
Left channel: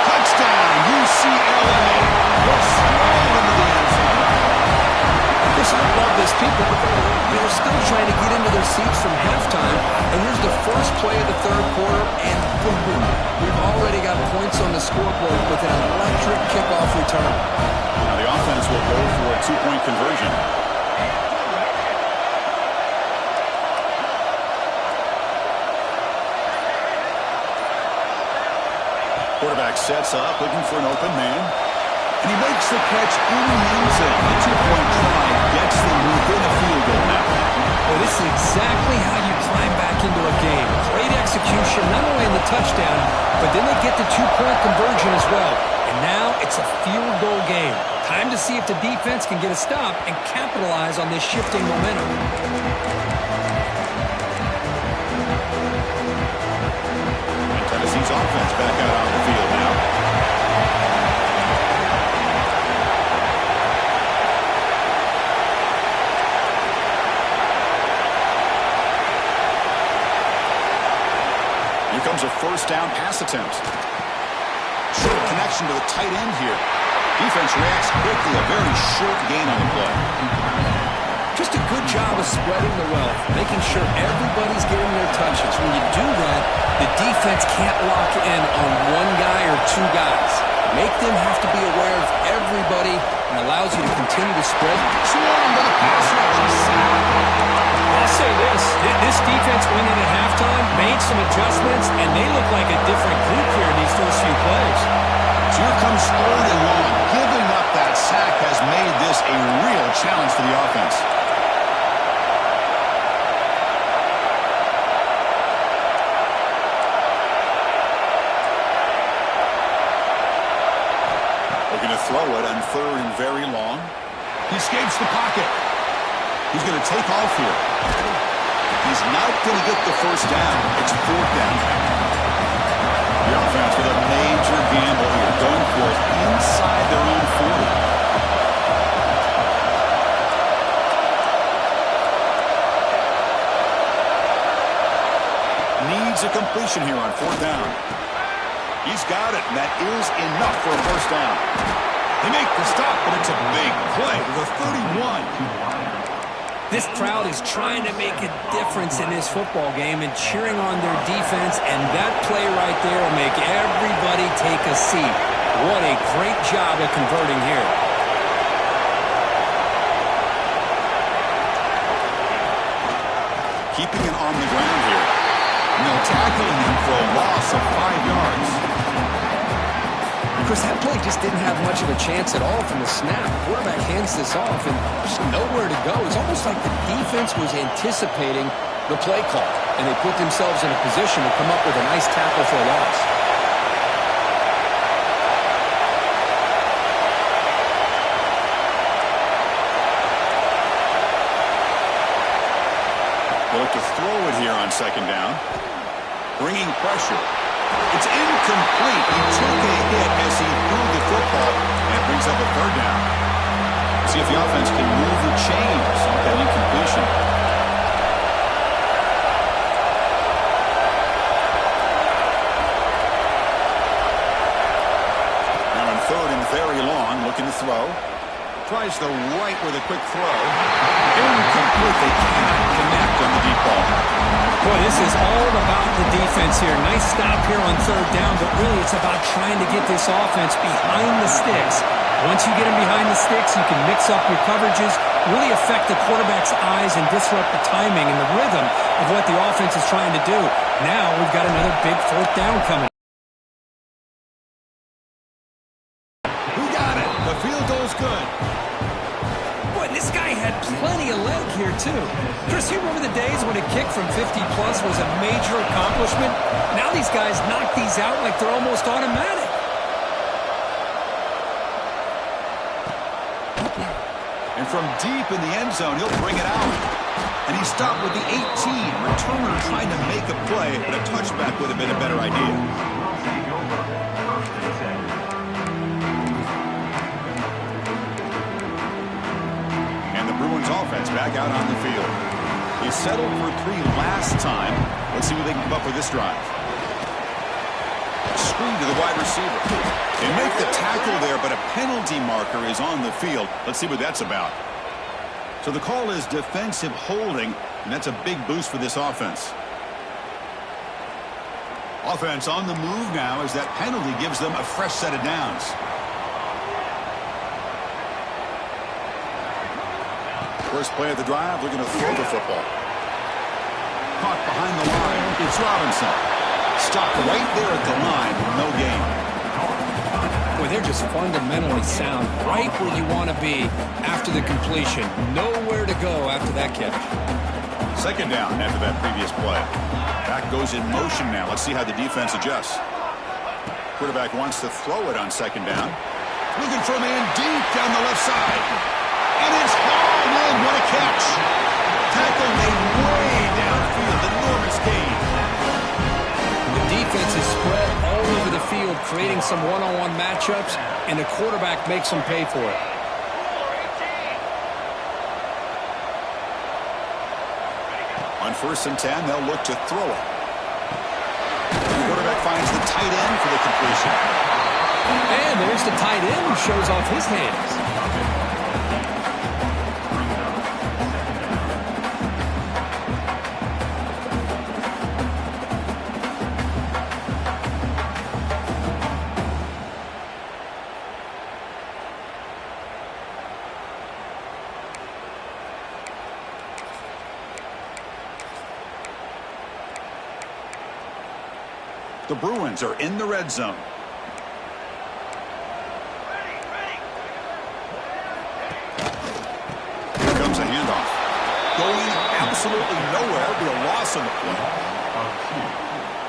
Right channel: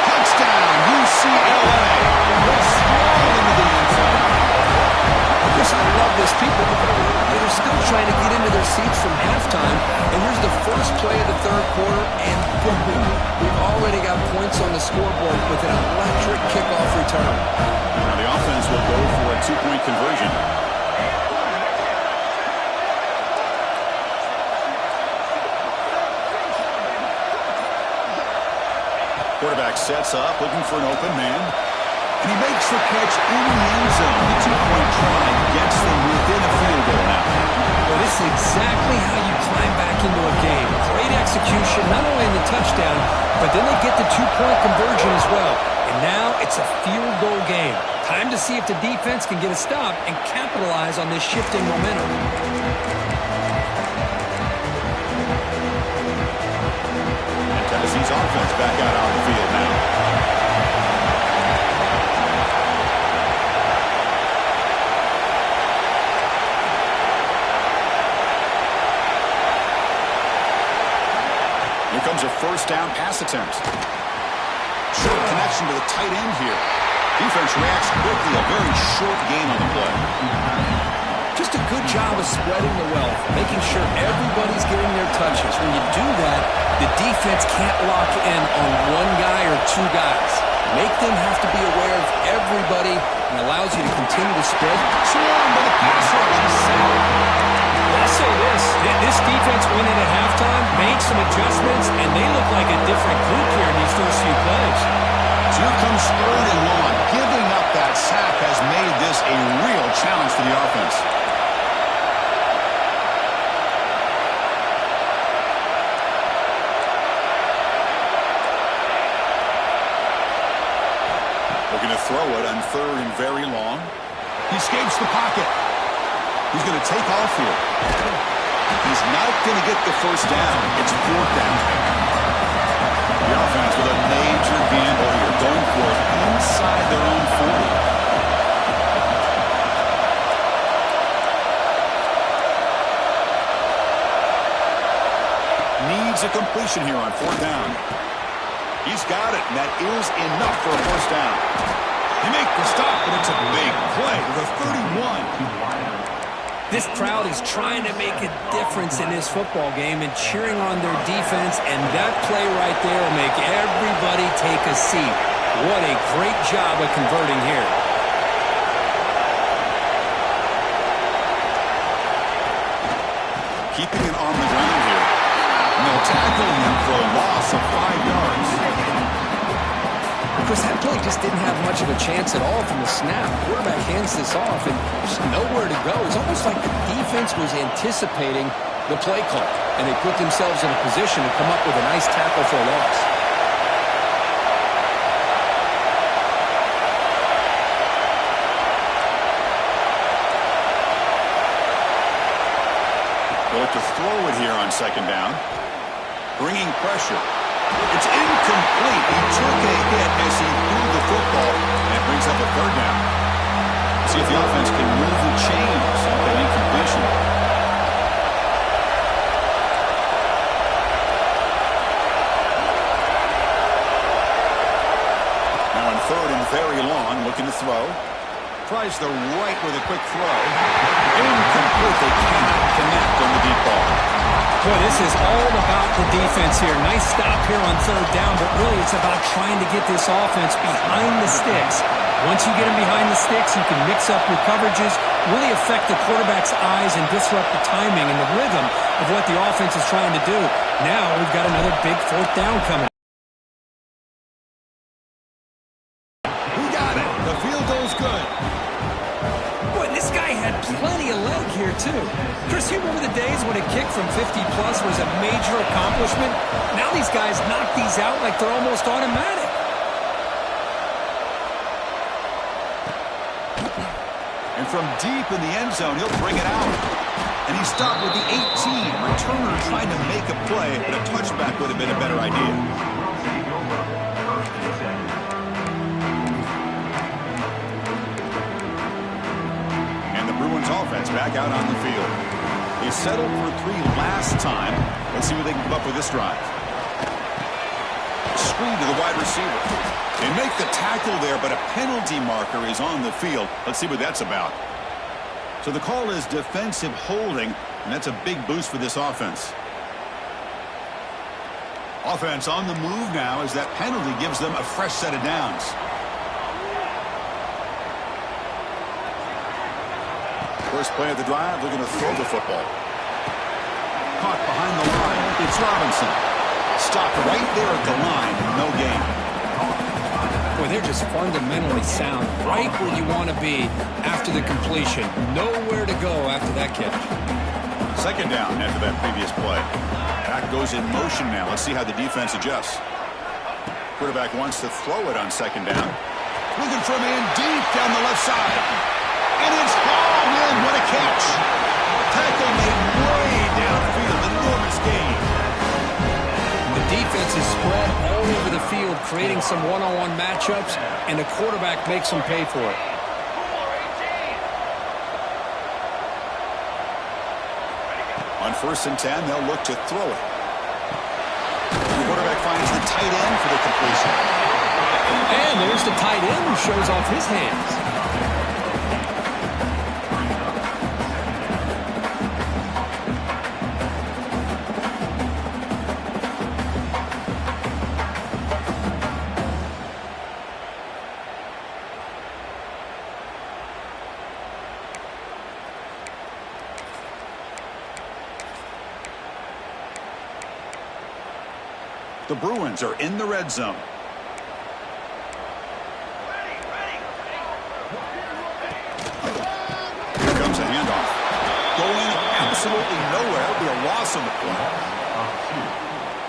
Touchdown, UCLA. Will stroll into the end zone. Chris, I love this. People, they're still trying to get into their seats from halftime. And here's the first play of the 3rd quarter, and boom, we've already got points on the scoreboard with an electric kickoff return. Now the offense will go for a 2-point conversion. Quarterback sets up, looking for an open man. And he makes the catch in the end zone. The 2-point try gets them within a field goal now. Well, this is exactly how you climb back into a game. Great execution, not only in the touchdown, but then they get the 2-point conversion as well. And now it's a field goal game. Time to see if the defense can get a stop and capitalize on this shifting momentum. And Tennessee's offense back out on the field now. comes a first down pass attempt. Short connection to the tight end here. Defense reacts quickly. A very short gain on the play. Just a good job of spreading the wealth, making sure everybody's getting their touches. When you do that, the defense can't lock in on one guy or two guys. Make them have to be aware of everybody and allows you to continue to spread. Swarmed by the pass rush and sacked. I'll say this defense went in at halftime, made some adjustments, and they look like a different group here in these first few plays. So here comes 3rd and long. Giving up that sack has made this a real challenge for the offense. Looking to throw it on 3rd and very long. He escapes the pocket. He's going to take off here. He's not going to get the first down. It's 4th down. The offense with a major gamble here, going for it inside their own 40. Needs a completion here on 4th down. He's got it, and that is enough for a first down. They make the stop, but it's a big play to the 31. This crowd is trying to make a difference in this football game and cheering on their defense, and that play right there will make everybody take a seat. What a great job of converting here. Keeping it on the ground here. And they'll tackle him for a loss of 5 yards. Chris, that play just didn't have much of a chance at all from the snap. The quarterback hands this off and there's nowhere to go. It's almost like the defense was anticipating the play call, and they put themselves in a position to come up with a nice tackle for a loss. They look to throw it here on 2nd down. Bringing pressure. It's incomplete. He took a hit as he threw the football, and it brings up a 3rd down. See if the offense can move the chains off that incompletion. Now on 3rd and very long, looking to throw. Tries the right with a quick throw. Incomplete. They cannot connect on the deep ball. Boy, this is all about the defense here. Nice stop here on 3rd down, but really it's about trying to get this offense behind the sticks. Once you get them behind the sticks, you can mix up your coverages, really affect the quarterback's eyes and disrupt the timing and the rhythm of what the offense is trying to do. Now we've got another big 4th down coming. Who got it? The field goal's good. Boy, this guy had plenty of leg here, too. Chris, you remember the days when a kick from 50-plus was a major accomplishment? Now these guys knock these out like they're almost automatic. And from deep in the end zone, he'll bring it out. And he stopped with the 18. Returner trying to make a play, but a touchback would have been a better idea. Bruins offense back out on the field. They settled for 3 last time. Let's see what they can come up with this drive. Screen to the wide receiver. They make the tackle there, but a penalty marker is on the field. Let's see what that's about. So the call is defensive holding, and that's a big boost for this offense. Offense on the move now as that penalty gives them a fresh set of downs. First play of the drive, looking to throw the football. Caught behind the line. It's Robinson. Stopped right there at the line. No gain. Boy, they're just fundamentally sound. Right where you want to be after the completion. Nowhere to go after that catch. 2nd down after that previous play. Back goes in motion now. Let's see how the defense adjusts. Quarterback wants to throw it on 2nd down. Looking for a man deep down the left side. And it's hauled in. What a catch. Tackle made way downfield. Enormous gain. The defense is spread all over the field, creating some one-on-one matchups, and the quarterback makes them pay for it. On 1st and 10, they'll look to throw it. finds the tight end for the completion. And there's the tight end who shows off his hands. The Bruins are in the red zone. Here comes a handoff. Going absolutely nowhere. It'll be a loss on the play.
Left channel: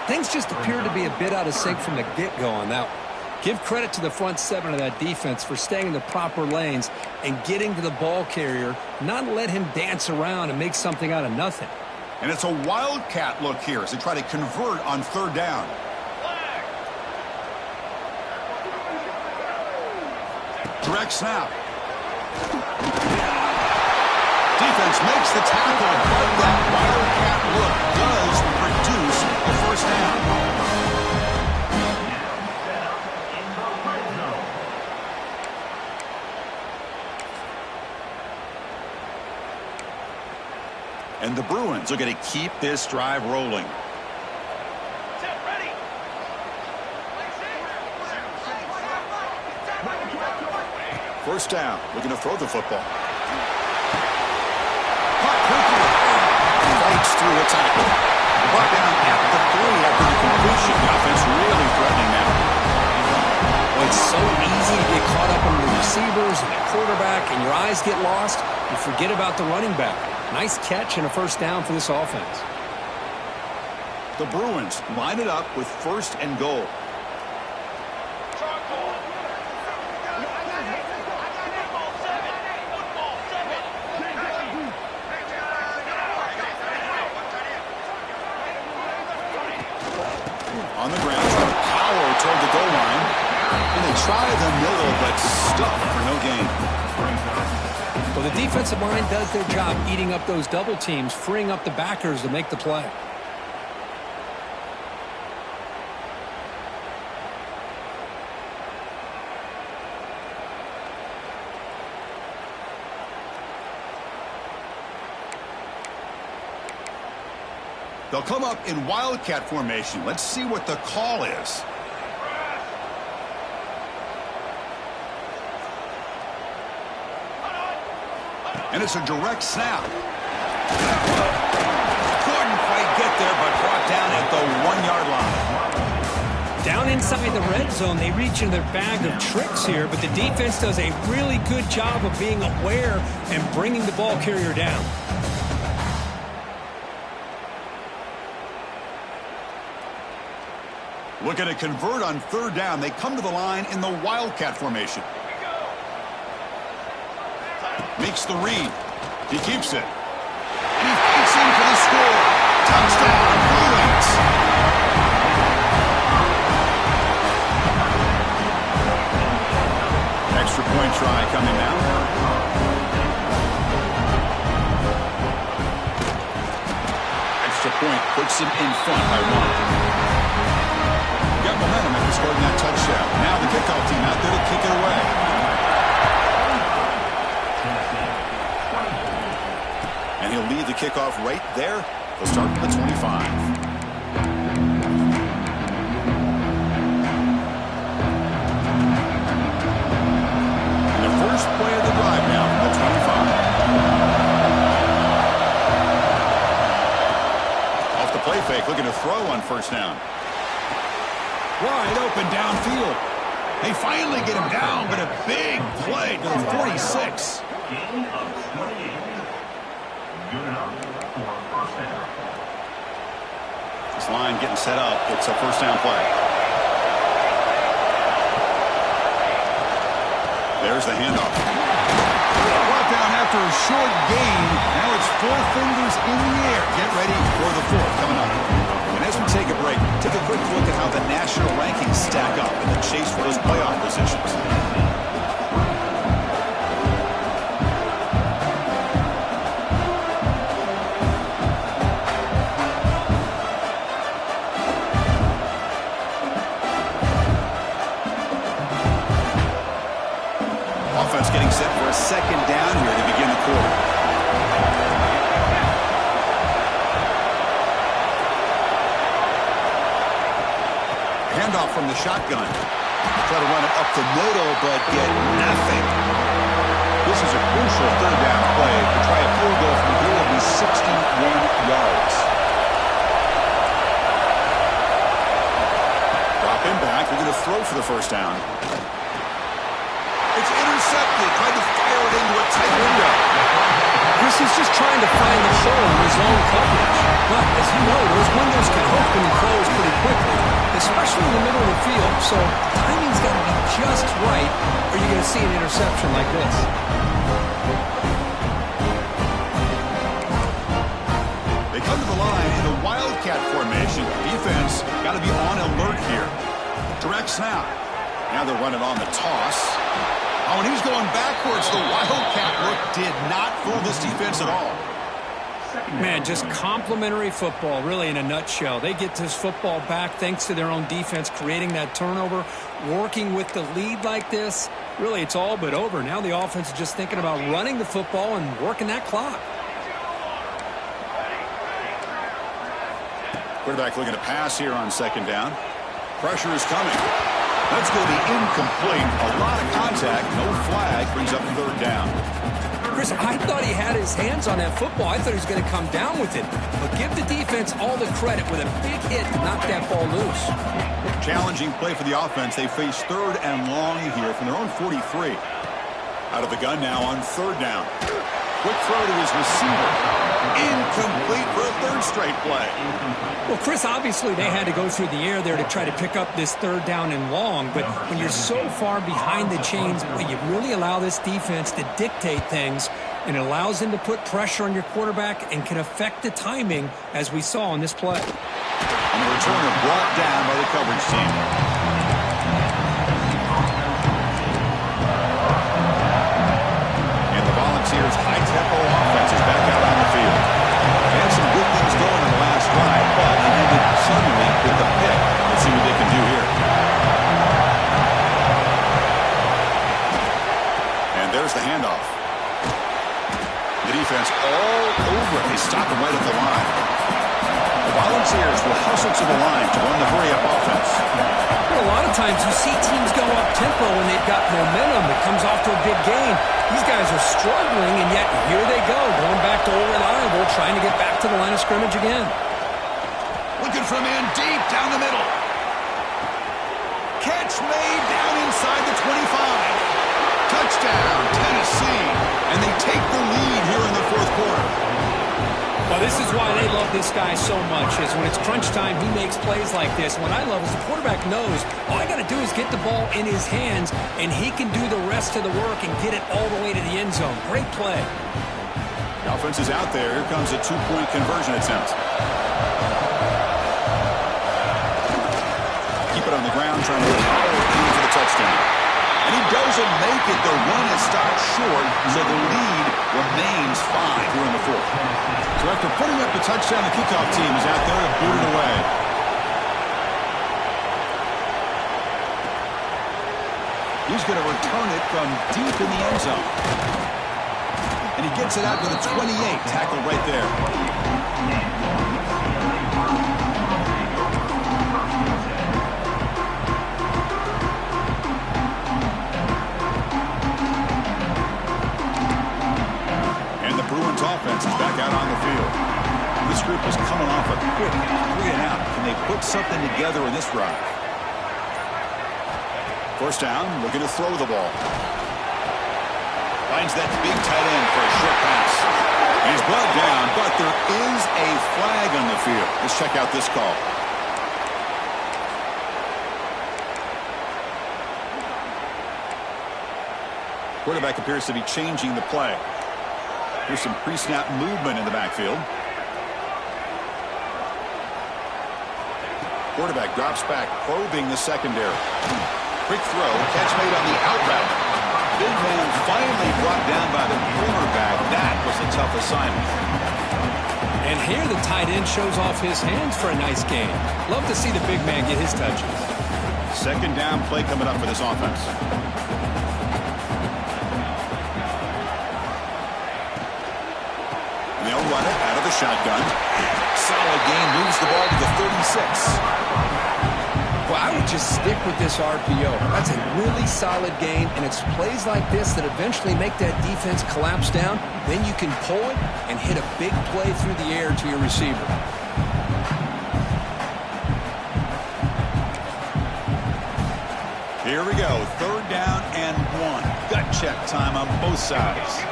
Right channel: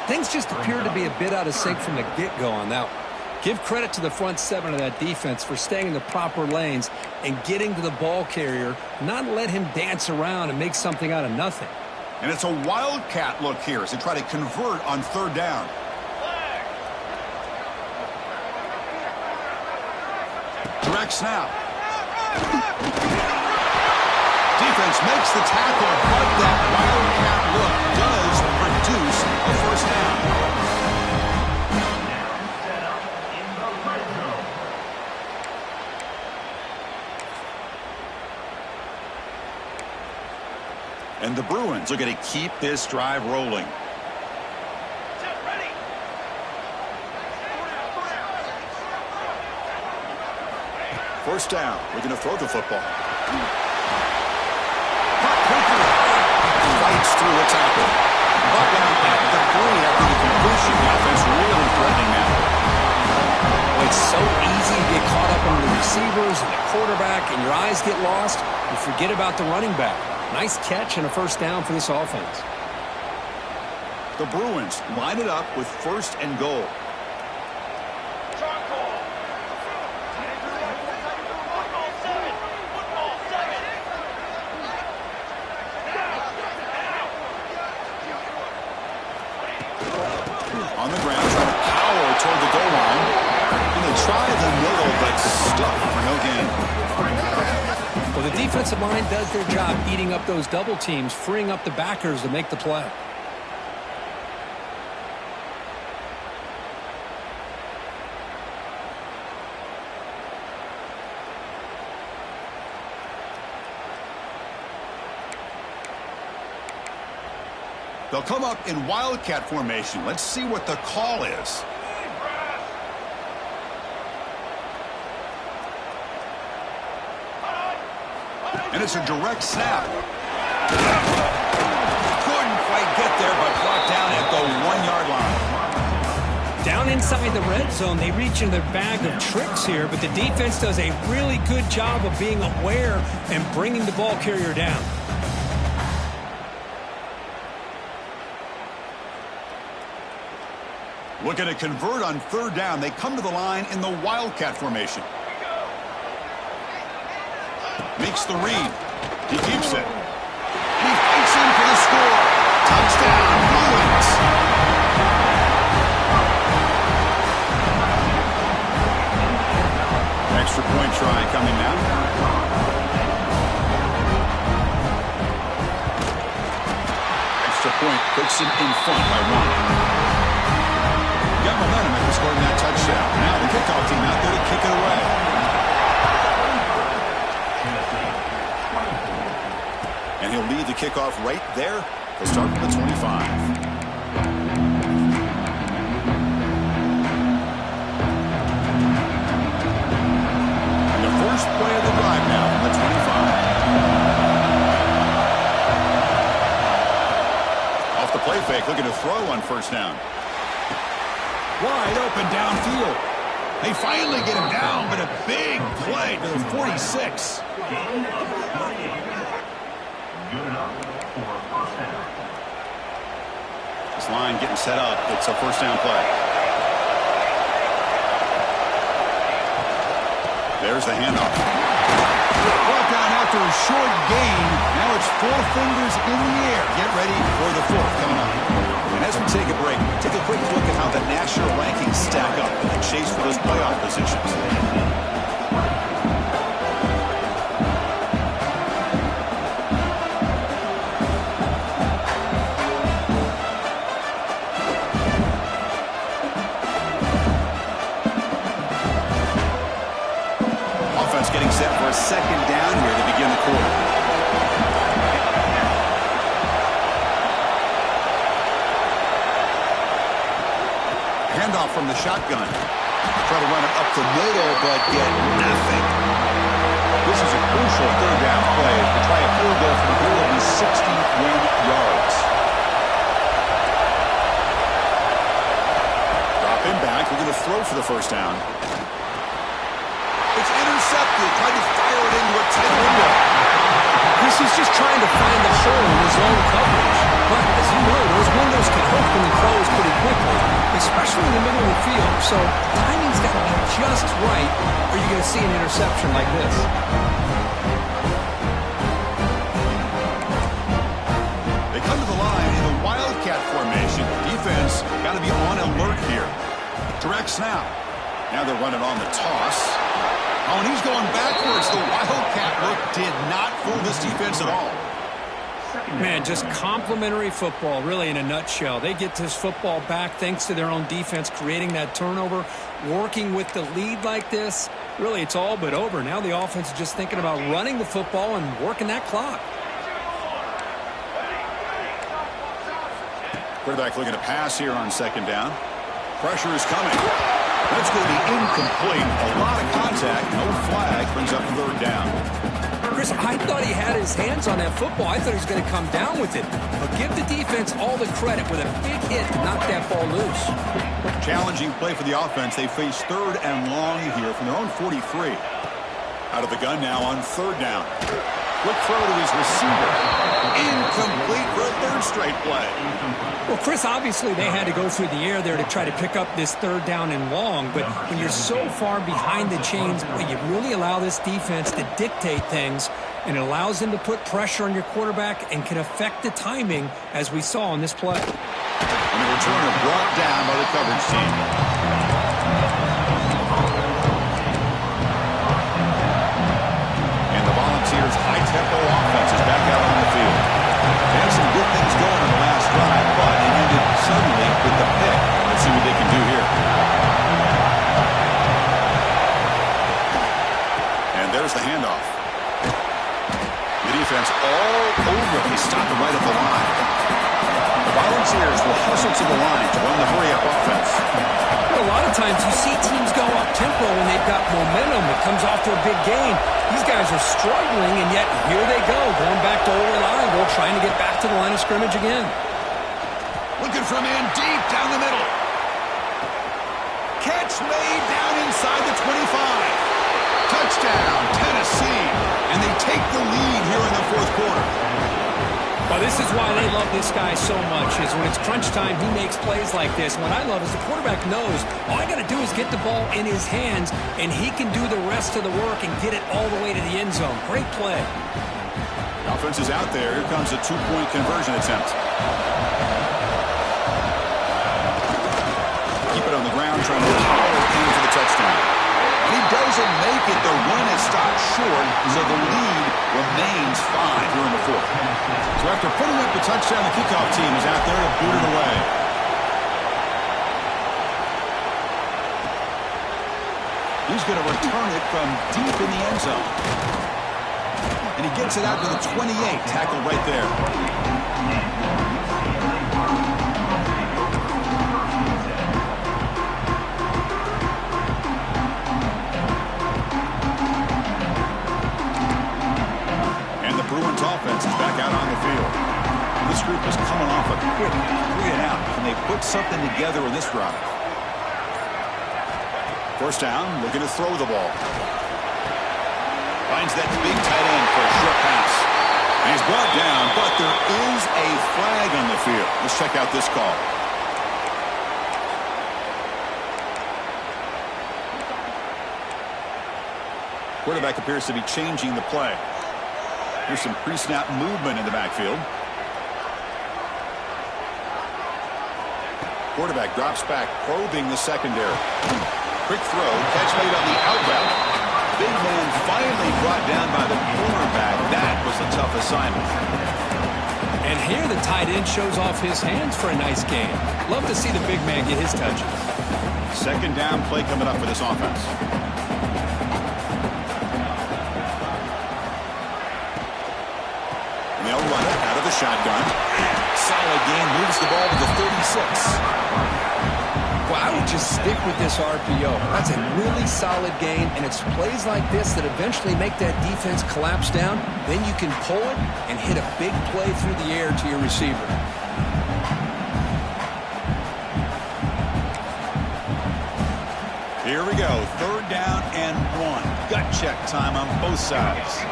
Things just appeared to be a bit out of sync from the get-go on that one. Give credit to the front seven of that defense for staying in the proper lanes and getting to the ball carrier, not let him dance around and make something out of nothing. And it's a wildcat look here as they try to convert on third down. Direct snap. Defense makes the tackle, but that wildcat look does produce a first down. Now set up in the red zone. And the Bruins are going to keep this drive rolling. First down. Looking to throw the football. Caught quickly. Fights through a tackle. Brought down at the 3 after the completion. The offense really threatening now. Well, it's so easy to get caught up on the receivers and the quarterback, and your eyes get lost. You forget about the running back. Nice catch and a first down for this offense. The Bruins line it up with first and goal. On the ground, trying to power toward the goal line. And they try the middle, but stuck for no gain. Well, the defensive line does their job eating up those double teams, freeing up the backers to make the play. They'll come up in wildcat formation. Let's see what the call is. And it's a direct snap. Couldn't quite get there, but brought down at the 1-yard line. Down inside the red zone, they reach in their bag of tricks here, but the defense does a really good job of being aware and bringing the ball carrier down. Looking to convert on third down. They come to the line in the wildcat formation. Makes the read. He keeps it. And he fights in for the score. Touchdown, Bruins. Extra point try coming now. Extra point puts him in front by 1. Got momentum after scoring that touchdown. Now the kickoff team out there to kick it away. And he'll lead the kickoff right there. He'll start from the 25. And the first play of the drive now from the 25. Off the play fake, looking to throw on first down. Wide open downfield. They finally get him down, but a big play to the 46. Gain of 28. Good enough for a first down. This line getting set up. It's a first down play. There's the handoff. Brought down after a short gain. Now it's 4 fingers in the air. Get ready for the 4th coming up. And as we take a break, take a quick look at how the national rankings stack up in the chase for those playoff positions. offense getting set for a second down here to begin the quarter. Handoff from the shotgun. Try to run it up the middle, but get nothing. This is a crucial third down play. To try a field goal from here will be 61 yards. Drop him back. We're going to throw for the first down. It's intercepted. Tried to fire it into a tight window. Chris is just trying to find the hole in his own coverage. But, as you know, those windows can open and close pretty quickly, especially in the middle of the field. So timing's got to be just right, or you're going to see an interception like this. They come to the line in the Wildcat formation. Defense got to be on alert here. Direct snap. Now they're running on the toss. Oh, and he's going backwards. The Wildcat look did not fool this defense at all. Man, just complimentary football, really, in a nutshell. They get this football back thanks to their own defense, creating that turnover, working with the lead like this. Really, it's all but over. Now the offense is just thinking about running the football and working that clock. Quarterback looking to pass here on second down. Pressure is coming. That's going to be incomplete. A lot of contact. No flag. Brings up third down. Chris, I thought he had his hands on that football. I thought he was going to come down with it. But give the defense all the credit with a big hit to knock that ball loose. Challenging play for the offense. They face third and long here from their own 43. Out of the gun now on third down. Quick throw to his receiver. Incomplete for a third straight play. Well, Chris, obviously they had to go through the air there to try to pick up this third down and long. But when you're so far behind the chains, you really allow this defense to dictate things. And it allows them to put pressure on your quarterback and can affect the timing, as we saw on this play. And the returner brought down by the coverage team. Volunteers' high-tempo offense is back out on the field. They had some good things going in the last drive, but it ended suddenly with the pick. Let's see what they can do here. And there's the handoff. The defense all over it. They stop it right at the line. The Volunteers will hustle to the line to run the hurry-up offense. A lot of times you see teams go up-tempo when they've got momentum that comes off to a big gain. These guys are struggling, and yet here they go, going back to old reliable, trying to get back to the line of scrimmage again. Looking from in deep down the middle. Catch made down inside the 25. Touchdown, Tennessee. And they take the lead here in the fourth quarter. Well, this is why they love this guy so much, is when it's crunch time, he makes plays like this. What I love is the quarterback knows all I got to do is get the ball in his hands, and he can do the rest of the work and get it all the way to the end zone. Great play. The offense is out there. Here comes a two-point conversion attempt. Keep it on the ground, trying to power in for the touchdown. And he doesn't make it. The run is stopped short, so the lead remains 5 here in the fourth. So after putting up the touchdown, the kickoff team is out there to boot it away. He's going to return it from deep in the end zone. And he gets it out to the 28, tackled right there. Offense is back out on the field. This group is coming off a quick 3-and-out. Can they put something together in this drive? First down, looking to throw the ball. Finds that big tight end for a short pass. And he's brought down, but there is a flag on the field. Let's check out this call. Quarterback appears to be changing the play. Here's some pre-snap movement in the backfield. Quarterback drops back, probing the secondary. Quick throw, catch made on the out route. Big man finally brought down by the cornerback. That was a tough assignment. And here the tight end shows off his hands for a nice gain. Love to see the big man get his touches. Second down play coming up for this offense. they'll run it out of the shotgun. Solid gain, moves the ball to the 36. Well, I would just stick with this RPO. That's a really solid gain, and it's plays like this that eventually make that defense collapse down. Then you can pull it and hit a big play through the air to your receiver. Here we go, 3rd down and 1. Gut check time on both sides.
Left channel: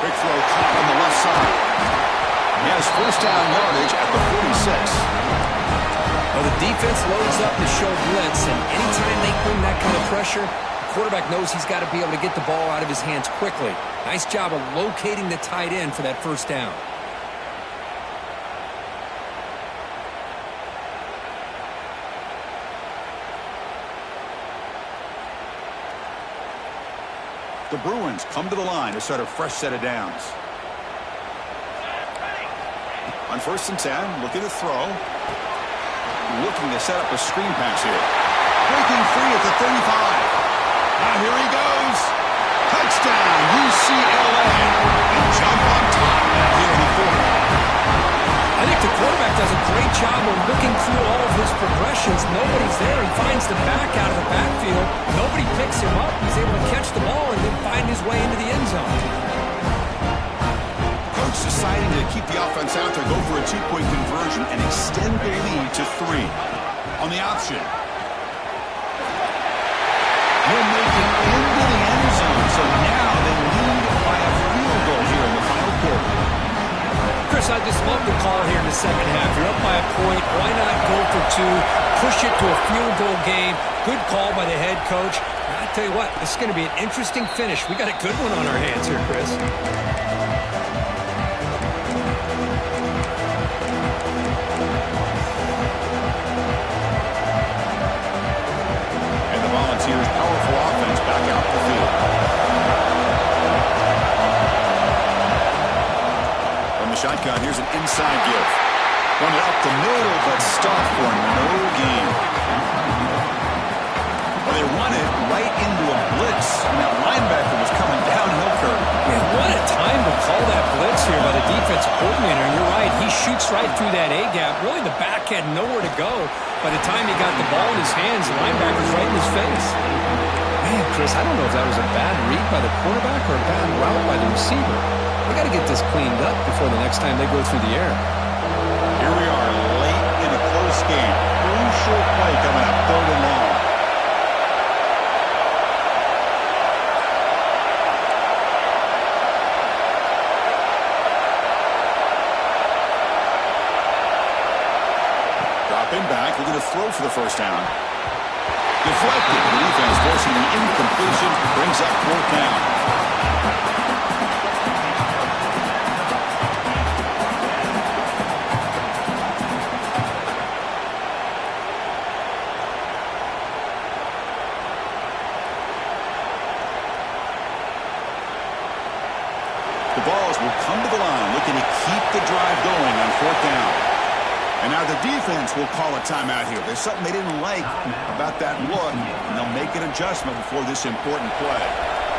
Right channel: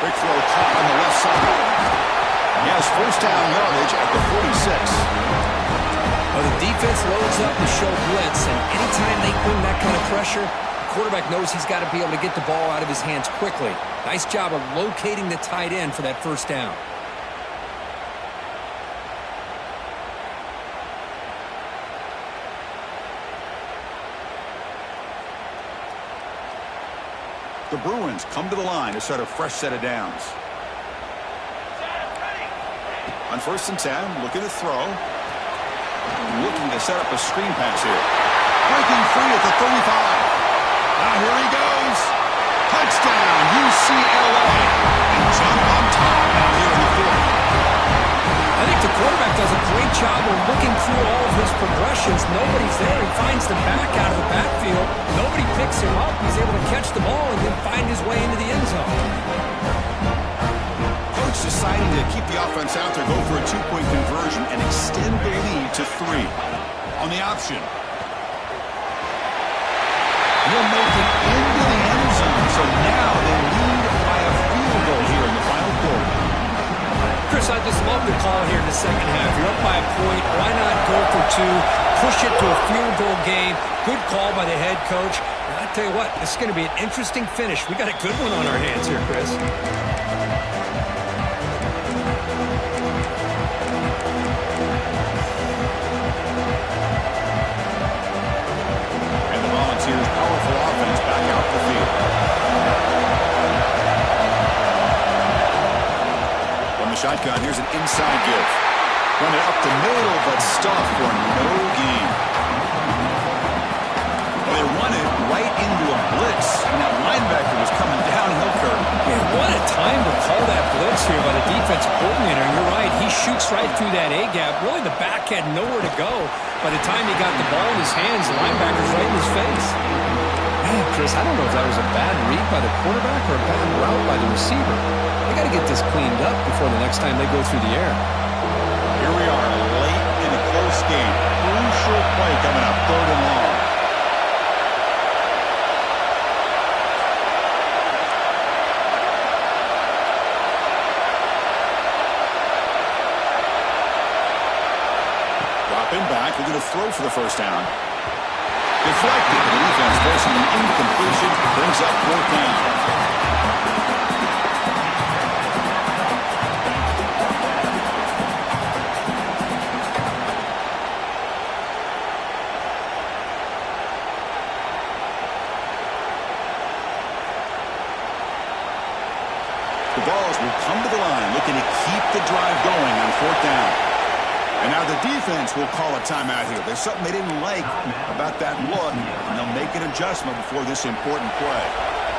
Quick throw caught on the left side. He has 1st down yardage at the 46. Well, the defense loads up to show blitz, and anytime they bring that kind of pressure, the quarterback knows he's got to be able to get the ball out of his hands quickly. Nice job of locating the tight end for that 1st down. The Bruins come to the line to start a fresh set of downs. On 1st and 10, looking to throw. Looking to set up a screen pass here. Breaking free at the 35. Now here he goes. Touchdown, UCLA. And jump on top now here in the 4th. I think the quarterback does a great job of looking through all of his progressions. Nobody's there. He finds the back out of the backfield. Nobody picks him up. He's able to catch the ball and then find his way into the end zone. Coach deciding to keep the offense out there, go for a 2-point conversion and extend the lead to 3. On the option. He'll make it into the end zone. So now they lead by a field goal here in the final quarter. Chris, I just love the call here in the second half. You're up by a point. Why not go for 2? Push it to a field goal game. Good call by the head coach. And I tell you what, this is going to be an interesting finish. We got a good one on our hands here, Chris. And the Volunteers' powerful offense back out the field. From the shotgun, here's an inside give. Run it up the middle, but stuffed for no gain. Well, they run it right into a blitz, and that linebacker was coming downhill curve. Man, what a time to call that blitz here by the defensive coordinator. And you're right, he shoots right through that A-gap. Really, the back had nowhere to go. By the time he got the ball in his hands, the linebacker's right in his face. Man, Chris, I don't know if that was a bad read by the quarterback or a bad route by the receiver. They got to get this cleaned up before the next time they go through the air. Here we are, late in a close game. Crucial play coming up, 3rd and long. Dropping back, looking to throw for the 1st down. Deflected, the defense forcing the incompletion, brings up 4th down. The Vols will come to the line, looking to keep the drive going on 4th down. And now the defense will call a timeout here. There's something they didn't like about that look, and they'll make an adjustment before this important play.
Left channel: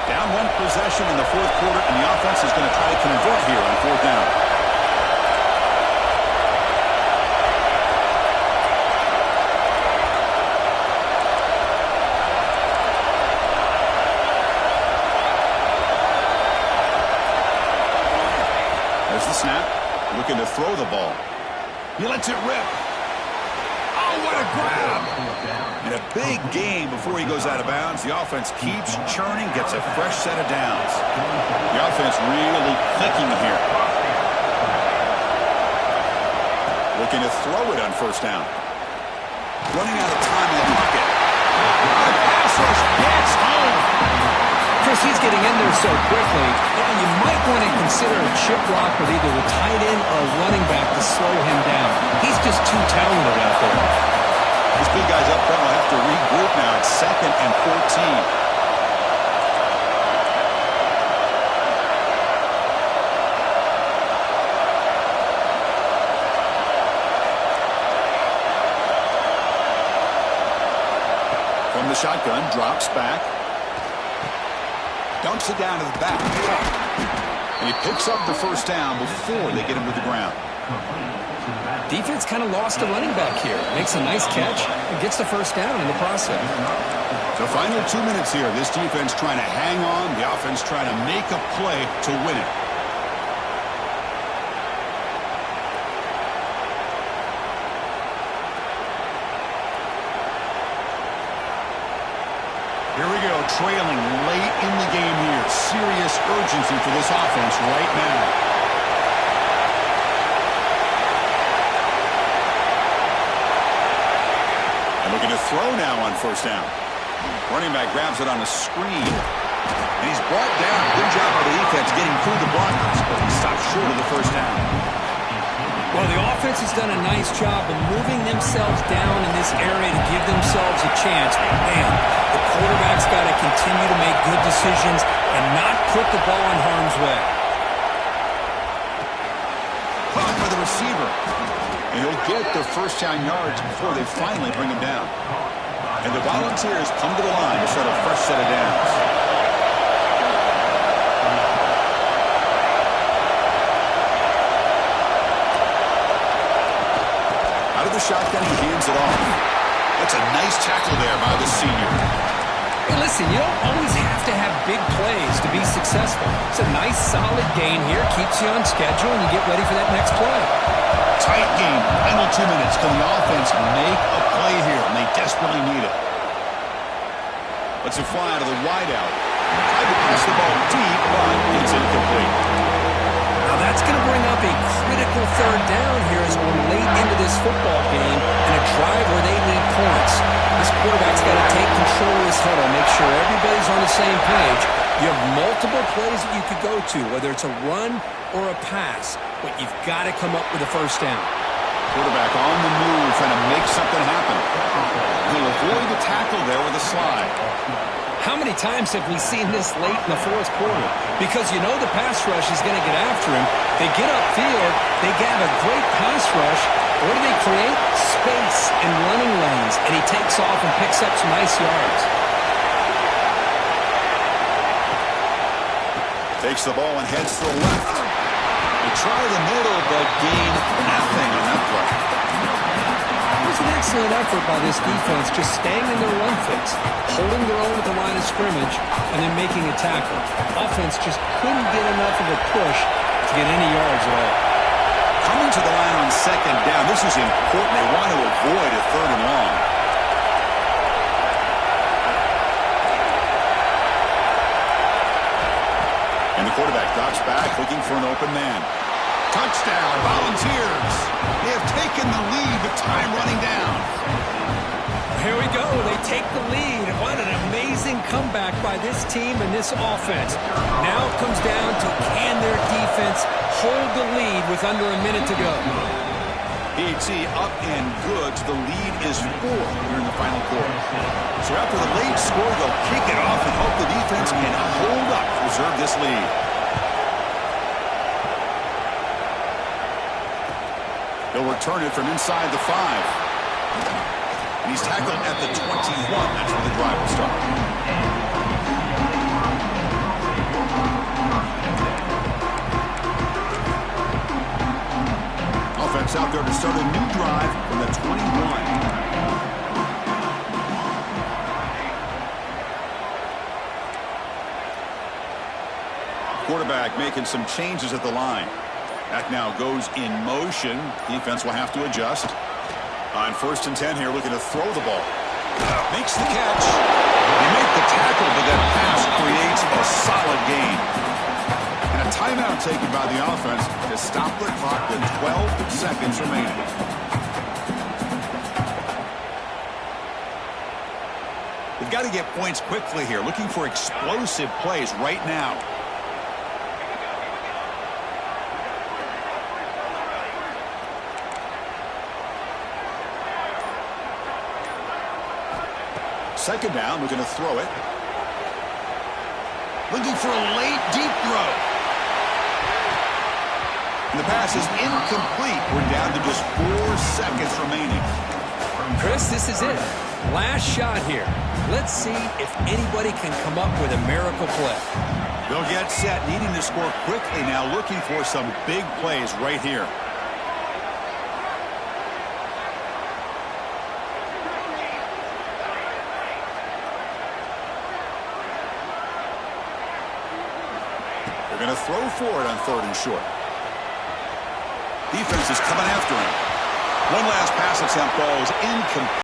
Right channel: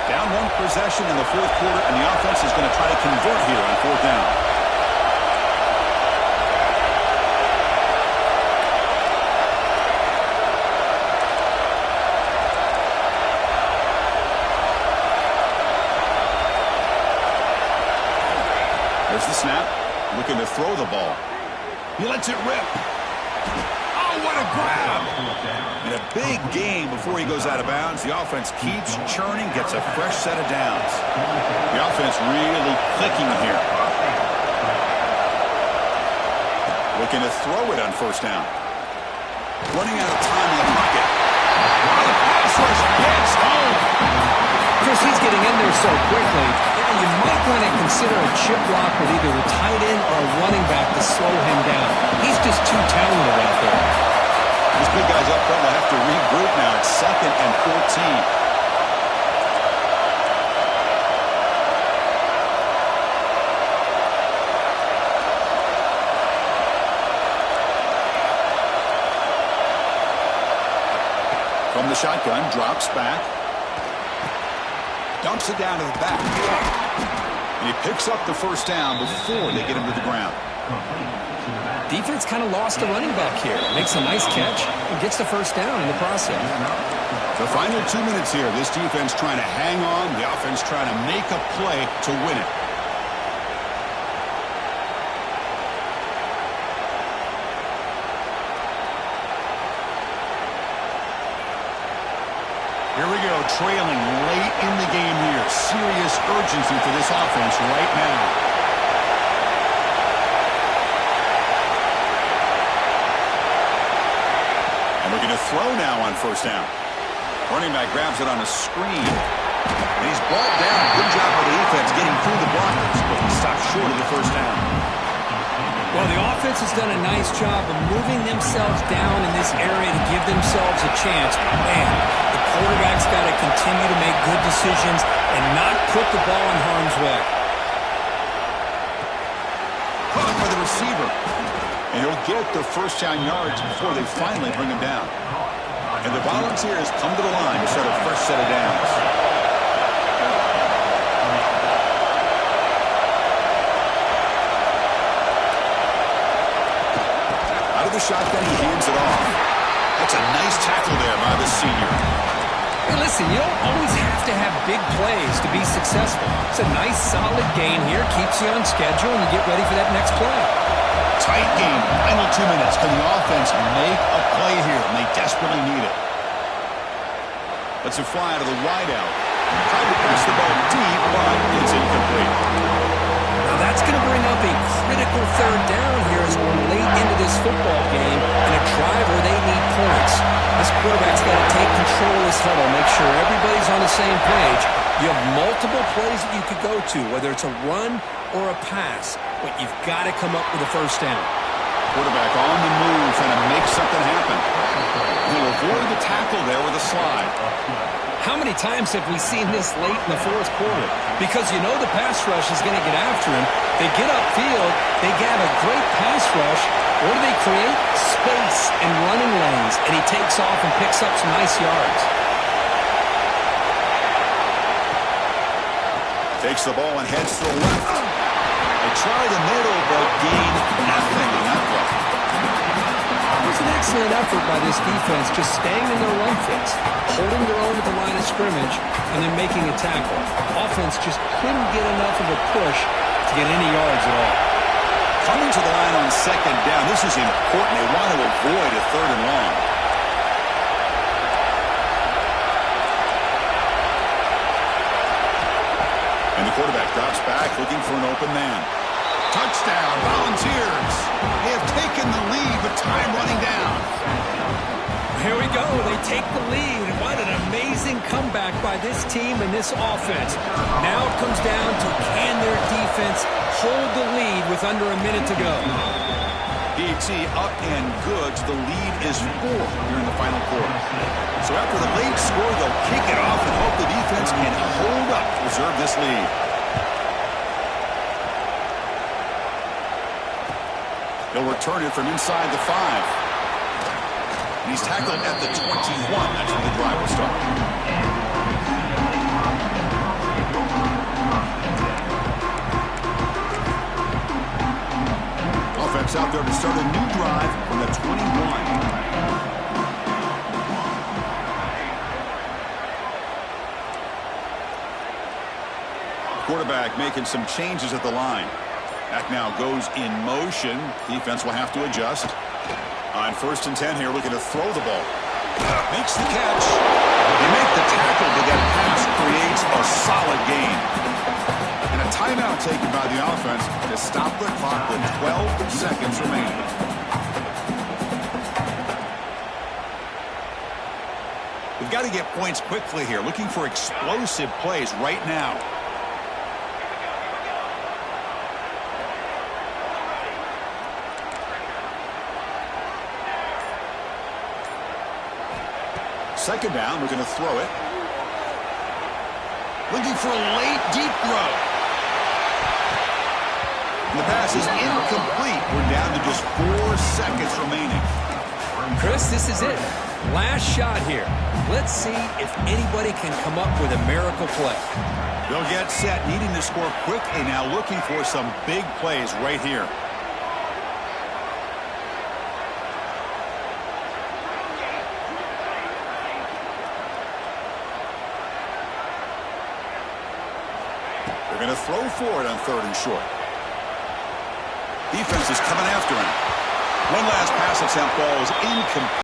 Down 1 possession in the 4th quarter, and the offense is going to try to convert here on 4th down. There's the snap, looking to throw the ball. He lets it rip. Oh, what a grab. And a big gain before he goes out of bounds. The offense keeps churning, gets a fresh set of downs. The offense really clicking here. Looking to throw it on 1st down. Running out of time in the pocket. Oh, pass rush gets home. Chris, he's getting in there so quickly. Yeah, you might want to consider a chip block with either the tight end or a running back to slow him down. He's just too talented out there. These big guys up front will have to regroup now. It's 2nd and 14. From the shotgun, drops back. Dumps it down to the back. And he picks up the first down before they get him to the ground. Defense kind of lost the running back here. Makes a nice catch and gets the first down in the process. The final 2 minutes here. This defense trying to hang on. The offense trying to make a play to win it. Here we go, trailing late in the game here. Serious urgency for this offense right now. And looking to throw now on first down. Running back grabs it on a screen. And he's brought down. Good job by the defense getting through the blockers, but he stopped short of the first down. Well, the offense has done a nice job of moving themselves down in this area to give themselves a chance. Man, the quarterback's got to continue to make good decisions and not put the ball in harm's way. Caught by the receiver. And he'll get the first down yards before they finally bring him down. And the Volunteers come to the line to start a fresh set of downs. Out of the shotgun, he hands it off. That's a nice tackle there by the senior. Hey, listen, you don't always have to have big plays to be successful. It's a nice, solid gain here. Keeps you on schedule, and you get ready for that next play. Tight game. Final 2 minutes. Can the offense make a play here? And they desperately need it. Lets it fly to the wideout. Tried to press the ball deep, but it's incomplete. Now that's going to bring up a critical third down here as we're late into this football game and a drive where they need points. This quarterback's got to take control of this huddle, make sure everybody's on the same page. You have multiple plays that you could go to, whether it's a run or a pass, but you've got to come up with a first down. Quarterback on the move, trying to make something happen. He'll avoid the tackle there with a slide. How many times have we seen this late in the fourth quarter? Because you know the pass rush is going to get after him. They get upfield, they have a great pass rush. What do they create? Space and running lanes. And he takes off and picks up some nice yards. Takes the ball and heads to the left. They try the middle, but gain nothing on that play. It was an excellent effort by this defense, just staying in their run fits, holding their own at the line of scrimmage, and then making a tackle. Offense just couldn't get enough of a push to get any yards at all. Coming to the line on second down, this is important. They want to avoid a third and long. And the quarterback drops back, looking for an open man. Touchdown, Volunteers. They have taken the lead, but time running down. Here we go. They take the lead. What an amazing comeback by this team and this offense. Now it comes down to can their defense hold the lead with under a minute to go. PAT up and good. The lead is 4 here in the final quarter. So after the late score, they'll kick it off and hope the defense can hold up to preserve this lead. He'll return it from inside the 5. And he's tackled at the 21. That's where the drive will start. Offense out there to start a new drive from the 21. Quarterback making some changes at the line. Back now goes in motion. Defense will have to adjust. On 1st and 10 here, looking to throw the ball. Makes the catch. They make the tackle, but that pass creates a solid gain. And a timeout taken by the offense to stop the clock with 12 seconds remaining. They've got to get points quickly here. Looking for explosive plays right now. Second down, looking to throw it. Looking for a late, deep throw. And the pass is incomplete. We're down to just 4 seconds remaining. Chris, this is it. Last shot here. Let's see if anybody can come up with a miracle play. They'll get set, needing to score quickly now, looking for some big plays right here. They're going to throw for it on 3rd and short. Defense is coming after him. One last pass attempt, ball is incomplete.